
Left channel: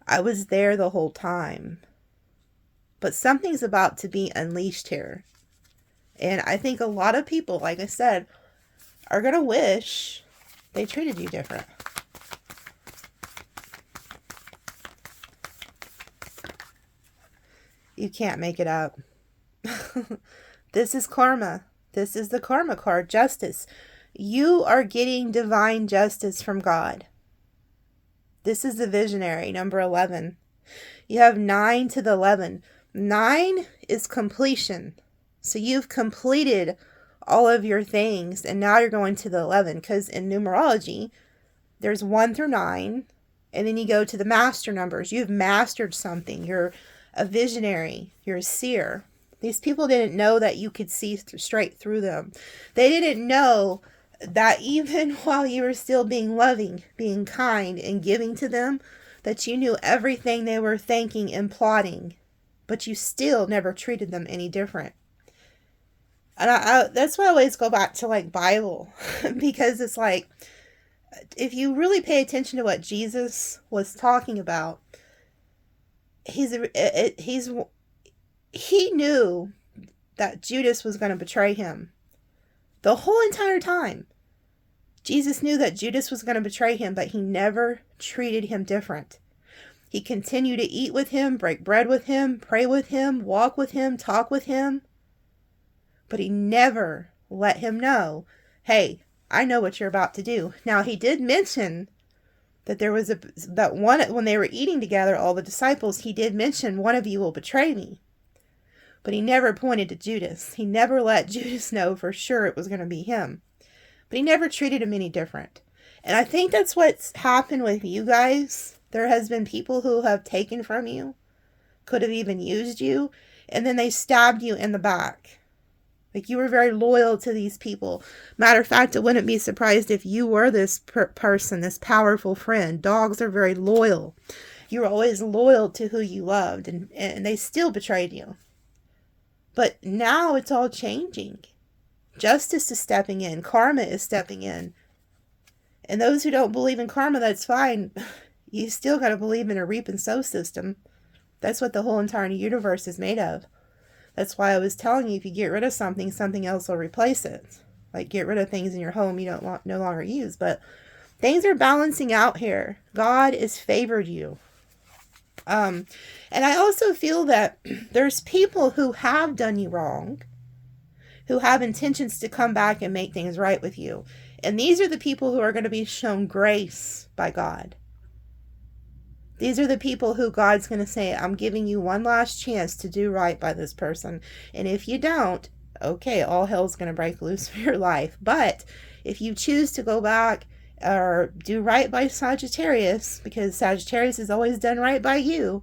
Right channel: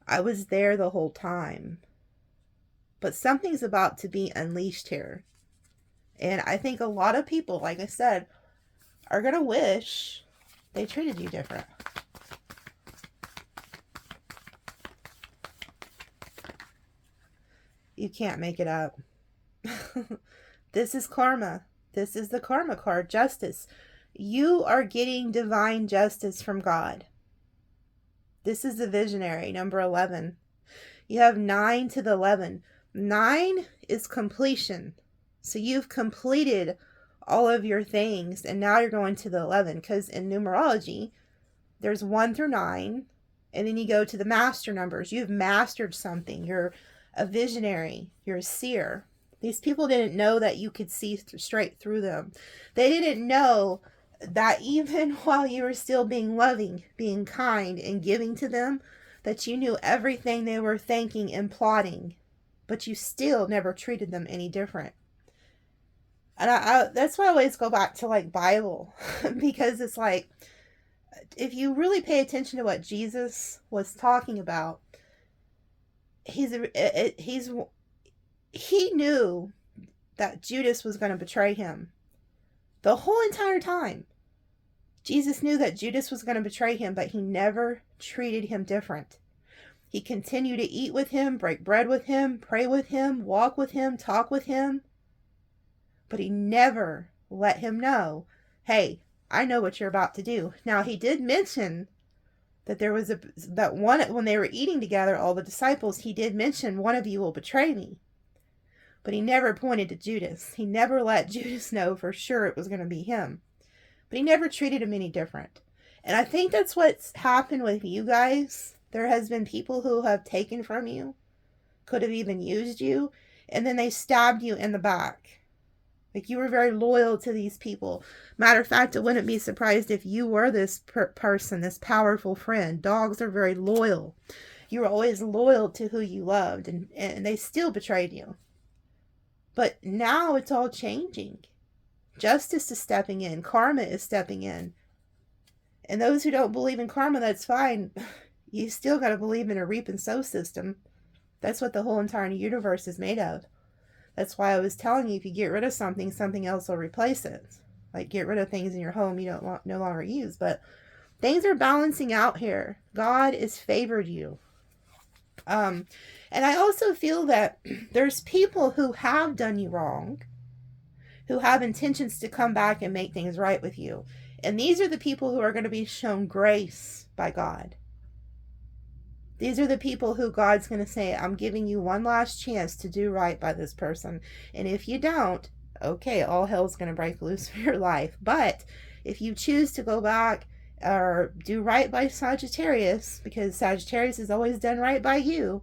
I was there the whole time. But something's about to be unleashed here. And I think a lot of people, like I said, are going to wish they treated you different. You can't make it up. This is karma. This is the karma card, justice. You are getting divine justice from God. This is the visionary, number 11. You have 9 to the 11. 9 is completion. So you've completed all of your things, and now you're going to the 11, because in numerology, there's 1 through 9, and then you go to the master numbers. You've mastered something. You're a visionary. You're a seer. These people didn't know that you could see straight through them. They didn't know that even while you were still being loving, being kind, and giving to them, that you knew everything they were thinking and plotting, but you still never treated them any different. And that's why I always go back to like Bible, because it's like, if you really pay attention to what Jesus was talking about, he knew that Judas was going to betray him. The whole entire time, Jesus knew that Judas was going to betray him, but he never treated him different. He continued to eat with him, break bread with him, pray with him, walk with him, talk with him. But he never let him know, hey, I know what you're about to do. Now, he did mention that there was when they were eating together, all the disciples, he did mention, one of you will betray me. But he never pointed to Judas. He never let Judas know for sure it was going to be him. But he never treated him any different. And I think that's what's happened with you guys. There has been people who have taken from you, could have even used you, and then they stabbed you in the back. Like, you were very loyal to these people. Matter of fact, I wouldn't be surprised if you were this person, this powerful friend. Dogs are very loyal. You were always loyal to who you loved, and they still betrayed you. But now it's all changing. Justice is stepping in. Karma is stepping in. And those who don't believe in karma, that's fine. You still got to believe in a reap and sow system. That's what the whole entire universe is made of. That's why I was telling you, if you get rid of something, something else will replace it. Like, get rid of things in your home you don't no longer use. But things are balancing out here. God has favored you. And I also feel that there's people who have done you wrong, who have intentions to come back and make things right with you. And these are the people who are going to be shown grace by God. These are the people who God's going to say, I'm giving you one last chance to do right by this person. And if you don't, okay, all hell's going to break loose for your life. But if you choose to go back or do right by Sagittarius, because Sagittarius has always done right by you,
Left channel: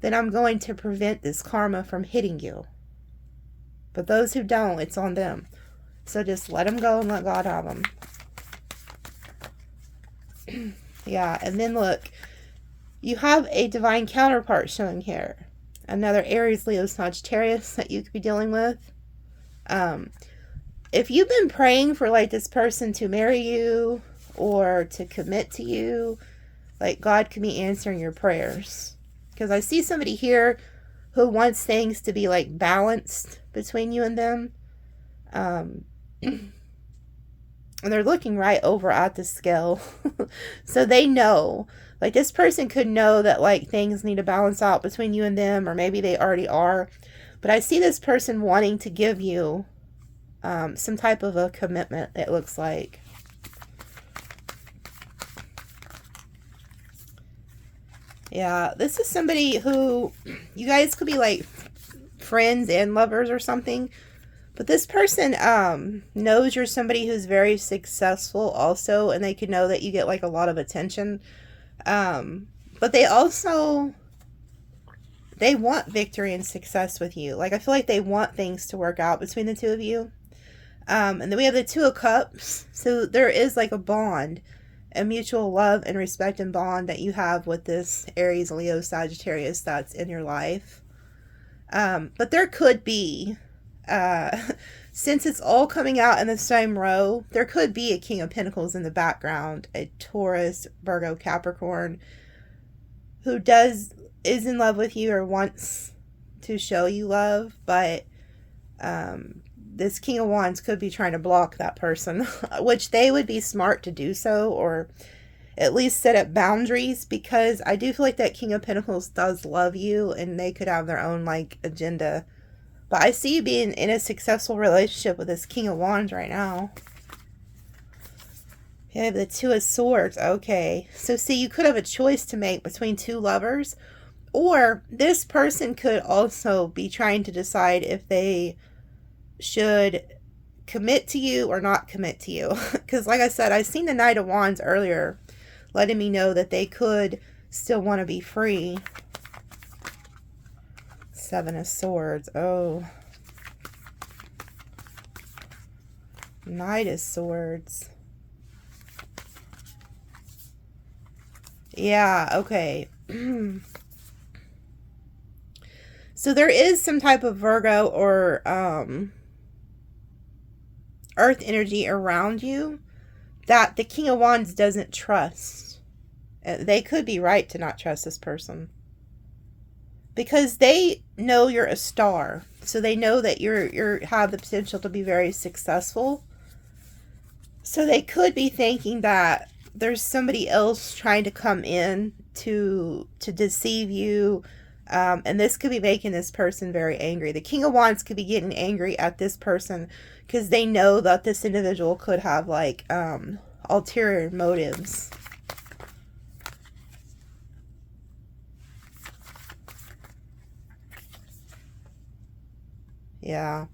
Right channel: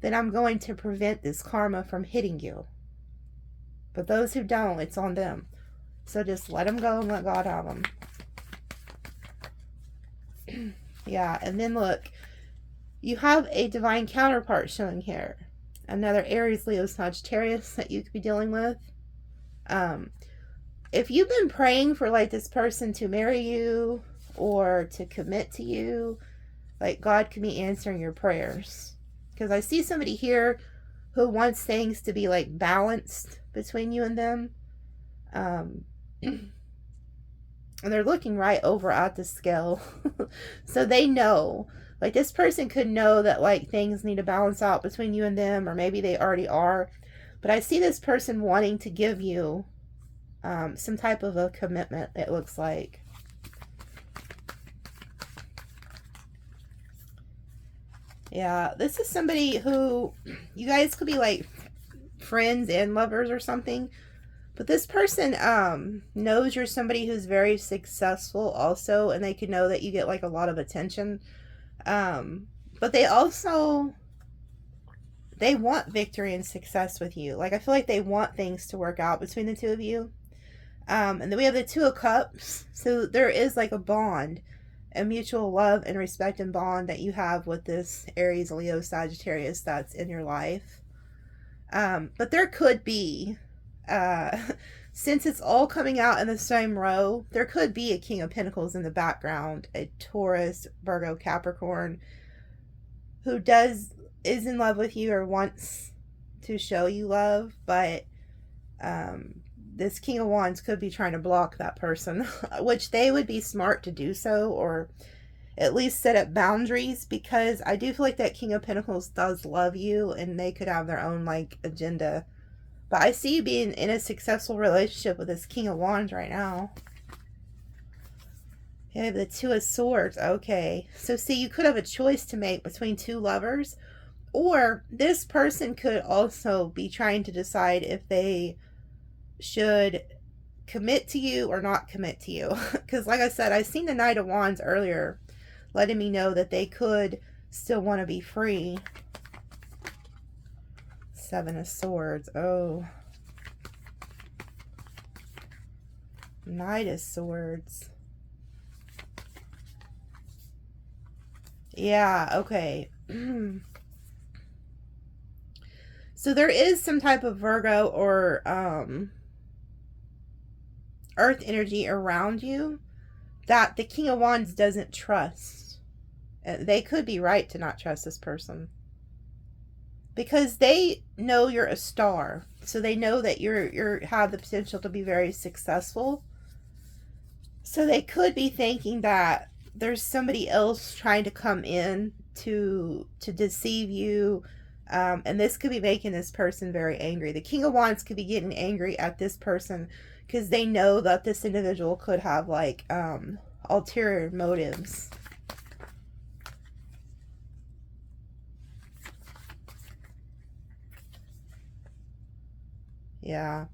then I'm going to prevent this karma from hitting you. But those who don't, it's on them. So just let them go and let God have them. Yeah, and then look. You have a divine counterpart showing here. Another Aries, Leo, Sagittarius that you could be dealing with. If you've been praying for like this person to marry you or to commit to you, like, God could be answering your prayers. Because I see somebody here who wants things to be like balanced between you and them. And they're looking right over at the scale. So they know. Like, this person could know that, like, things need to balance out between you and them, or maybe they already are. But I see this person wanting to give you some type of a commitment, it looks like. Yeah, this is somebody who, you guys could be, like, friends and lovers or something. But this person knows you're somebody who's very successful also, and they could know that you get, like, a lot of attention. But they also, they want victory and success with you. Like, I feel like they want things to work out between the two of you. And then we have the Two of Cups. So there is like a bond, a mutual love and respect and bond that you have with this Aries, Leo, Sagittarius that's in your life. But there could be, since it's all coming out in the same row, there could be a King of Pentacles in the background, a Taurus, Virgo, Capricorn, who is in love with you or wants to show you love, but this King of Wands could be trying to block that person, which they would be smart to do so, or at least set up boundaries, because I do feel like that King of Pentacles does love you and they could have their own like agenda. But I see you being in a successful relationship with this King of Wands right now. You have the Two of Swords. Okay. So see, you could have a choice to make between two lovers. Or this person could also be trying to decide if they should commit to you or not commit to you. Because like I said, I've seen the Knight of Wands earlier, letting me know that they could still want to be free. Seven of Swords. Oh. Knight of Swords. Yeah, okay. So there is some type of Virgo or earth energy around you that the King of Wands doesn't trust. They could be right to not trust this person, because they know you're a star. So they know that you have the potential to be very successful. So they could be thinking that there's somebody else trying to come in to deceive you. And this could be making this person very angry. The King of Wands could be getting angry at this person because they know that this individual could have like ulterior motives. Yeah.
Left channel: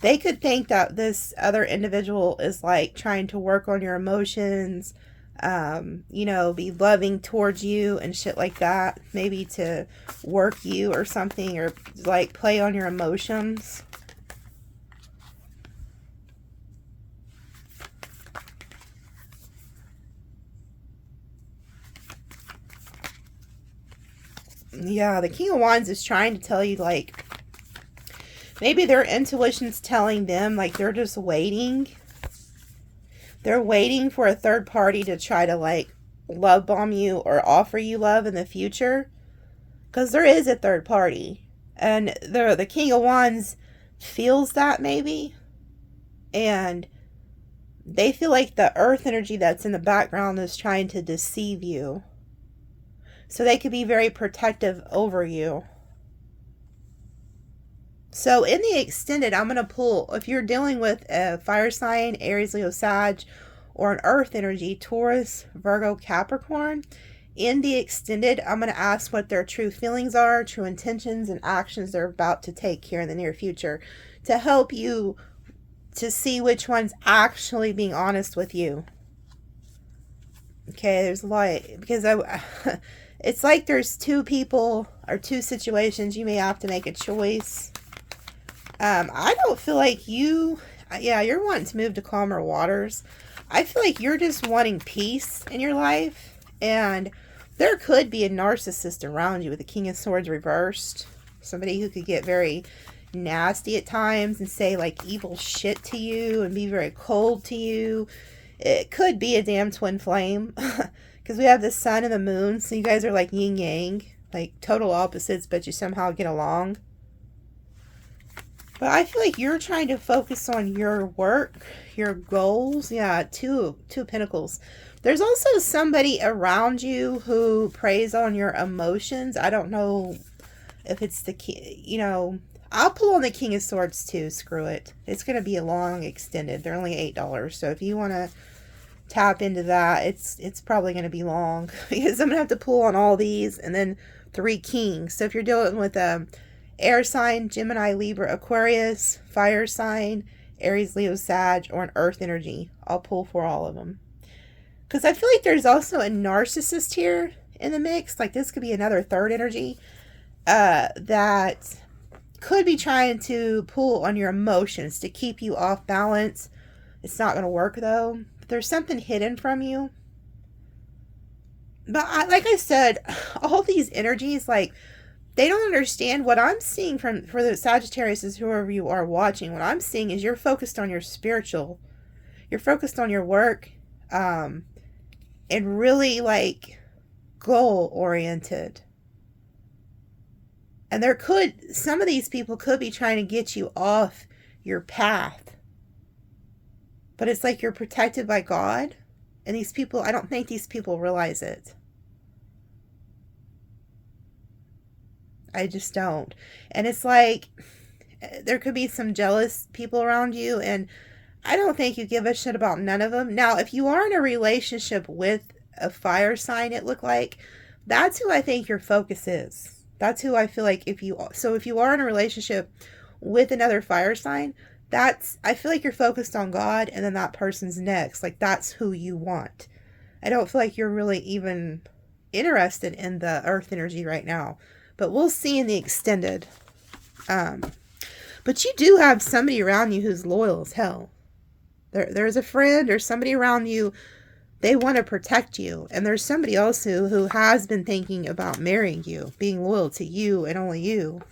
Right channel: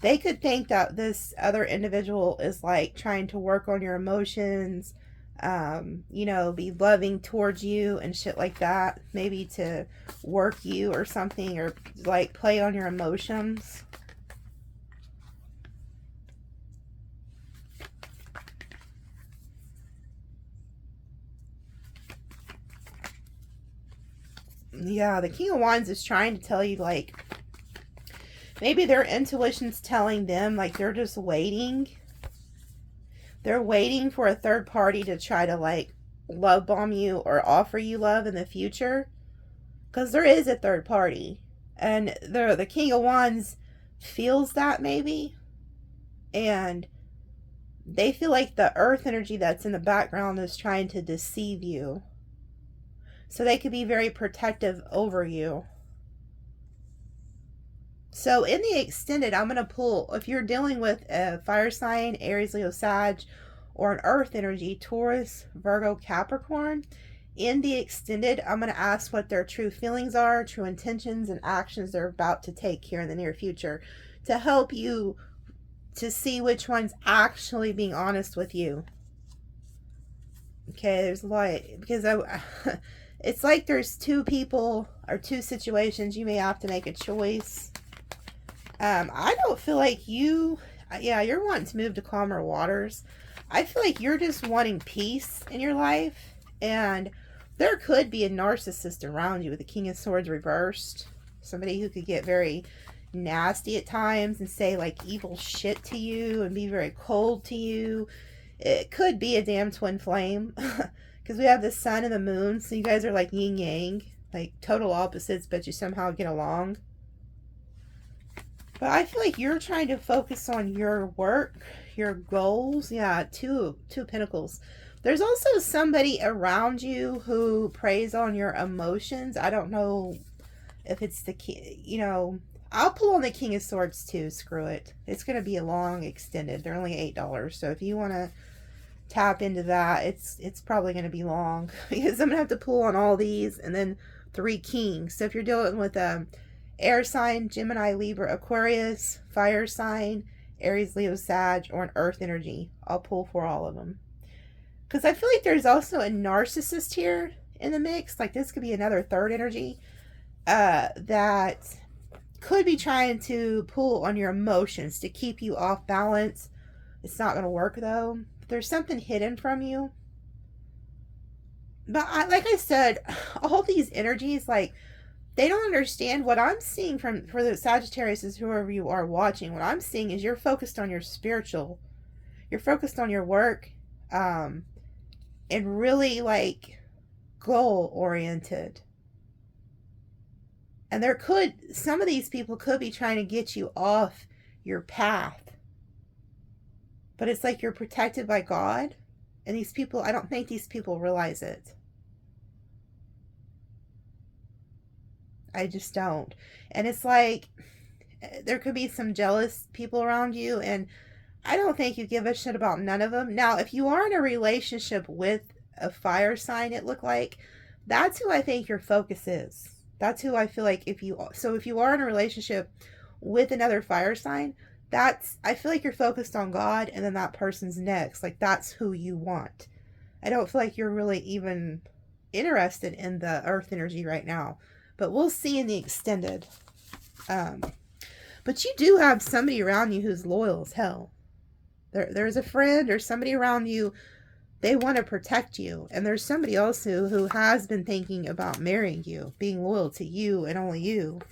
They could think that this other individual is like trying to work on your emotions, you know, be loving towards you and shit like that. Maybe to work you or something, or like play on your emotions. Yeah, the King of Wands is trying to tell you, like, maybe their intuition's telling them, like, they're just waiting. They're waiting for a third party to try to, like, love bomb you or offer you love in the future. Because there is a third party. And the King of Wands feels that, maybe. And they feel like the earth energy that's in the background is trying to deceive you. So they could be very protective over you. So in the extended, I'm going to pull, if you're dealing with a fire sign, Aries, Leo, Sag, or an earth energy, Taurus, Virgo, Capricorn, in the extended, I'm going to ask what their true feelings are, true intentions, and actions they're about to take here in the near future to help you to see which one's actually being honest with you. Okay, there's a lot, because it's like there's two people or two situations. You may have to make a choice. I don't feel like you're wanting to move to calmer waters. I feel like you're just wanting peace in your life, and there could be a narcissist around you with the King of Swords reversed. Somebody who could get very nasty at times and say like evil shit to you and be very cold to you. It could be a damn twin flame, because we have the sun and the moon, so you guys are like yin yang, like total opposites, but you somehow get along. But I feel like you're trying to focus on your work, your goals. Yeah, two of Pentacles. There's also somebody around you who preys on your emotions. I don't know if it's the you know, I'll pull on the King of Swords too. Screw it. It's going to be a long extended. They're only $8. So if you want to tap into that, it's probably going to be long, because I'm going to have to pull on all these and then 3 kings. So if you're dealing with a air sign, Gemini, Libra, Aquarius, fire sign, Aries, Leo, Sag, or an earth energy, I'll pull for all of them. Because I feel like there's also a narcissist here in the mix. Like this could be another third energy that could be trying to pull on your emotions to keep you off balance. It's not going to work though. There's something hidden from you. But like I said, all these energies, like, they don't understand what I'm seeing for the Sagittarius, is whoever you are watching. What I'm seeing is you're focused on your spiritual. You're focused on your work. And really like goal oriented. And some of these people could be trying to get you off your path. But it's like you're protected by God. And these people, I don't think these people realize it. I just don't. And it's like, there could be some jealous people around you, and I don't think you give a shit about none of them. Now, if you are in a relationship with a fire sign, it looked like, that's who I think your focus is. That's who I feel like if you are in a relationship with another fire sign, I feel like you're focused on God, and then that person's next. Like, that's who you want. I don't feel like you're really even interested in the earth energy right now. But we'll see in the extended. But you do have somebody around you who's loyal as hell. There's a friend or somebody around you. They want to protect you. And there's somebody else who has been thinking about marrying you, being loyal to you and only you.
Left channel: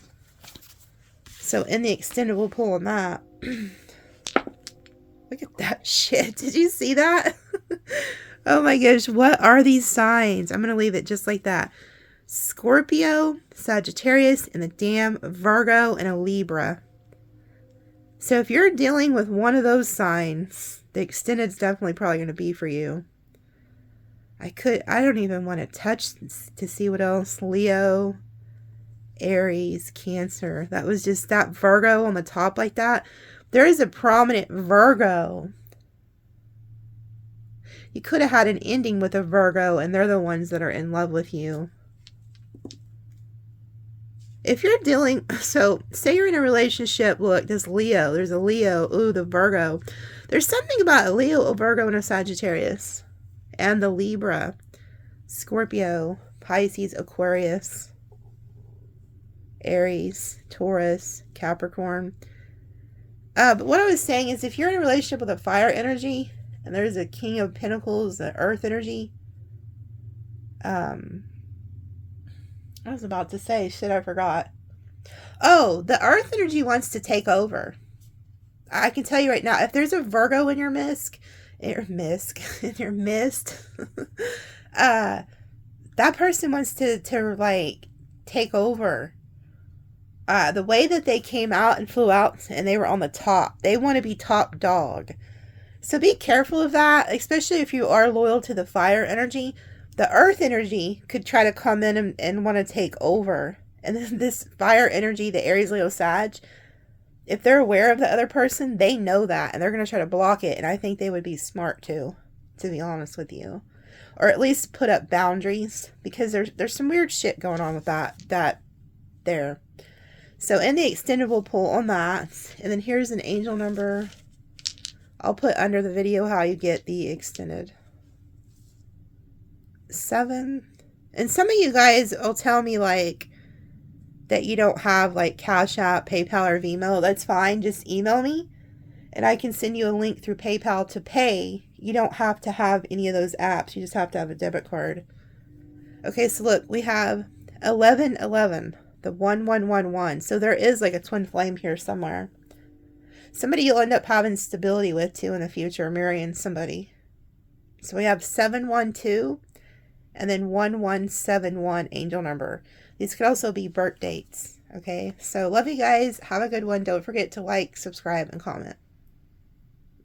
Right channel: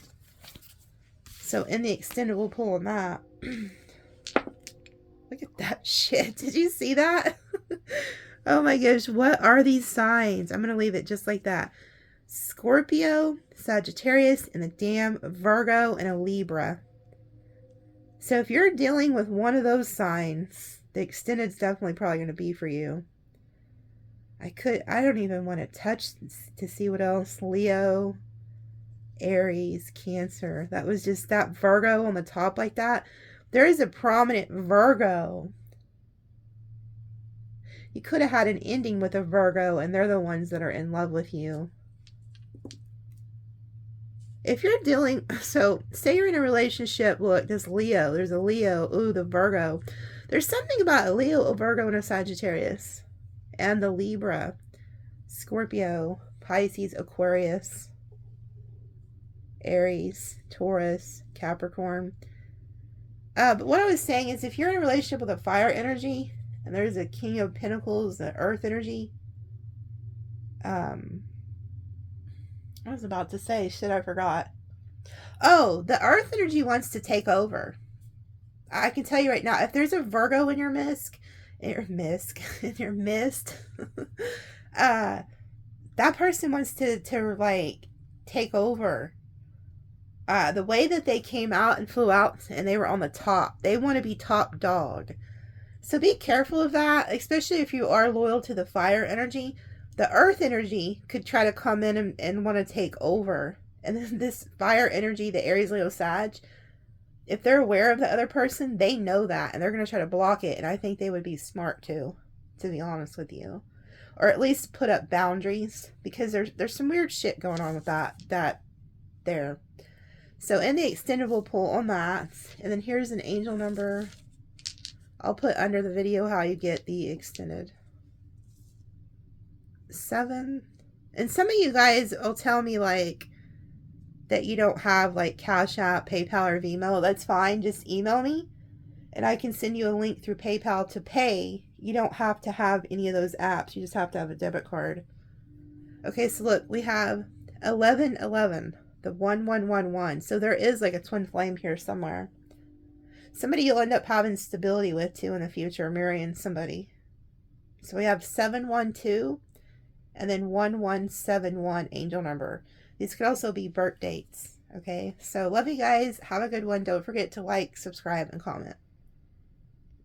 So in the extended, we'll pull on that. Look at that shit. Did you see that? Oh my gosh. What are these signs? I'm going to leave it just like that. Scorpio, Sagittarius, and a damn Virgo and a Libra. So if you're dealing with one of those signs, the extended's definitely probably going to be for you. I don't even want to touch to see what else. Leo, Aries, Cancer. That was just that Virgo on the top like that. There is a prominent Virgo. You could have had an ending with a Virgo, and they're the ones that are in love with you. If you're dealing, so say you're in a relationship, look, there's a Leo, ooh, the Virgo. There's something about a Leo, a Virgo, and a Sagittarius. And the Libra, Scorpio, Pisces, Aquarius, Aries, Taurus, Capricorn. But what I was saying is if you're in a relationship with a fire energy, and there's a King of Pentacles, the earth energy, I was about to say, shit, I forgot. Oh, the earth energy wants to take over. I can tell you right now, if there's a Virgo in your mist, that person wants to like take over. The way that they came out and flew out and they were on the top, they want to be top dog. So be careful of that, especially if you are loyal to the fire energy. The earth energy could try to come in and want to take over. And then this fire energy, the Aries, Leo, Sag, if they're aware of the other person, they know that. And they're going to try to block it. And I think they would be smart too, to be honest with you. Or at least put up boundaries. Because there's some weird shit going on with that there. So in the extended, we'll pull on that. And then here's an angel number. I'll put under the video how you get the extended. 7. And some of you guys will tell me like that you don't have like Cash App, PayPal, or Venmo. That's fine. Just email me and I can send you a link through PayPal to pay. You don't have to have any of those apps. You just have to have a debit card. Okay, so look, we have 1111, the 1111. So there is like a twin flame here somewhere. Somebody you'll end up having stability with too in the future, marrying somebody. So we have 712 and then 1171 angel number. These could also be birth dates. Okay, so love you guys. Have a good one. Don't forget to like, subscribe, and comment.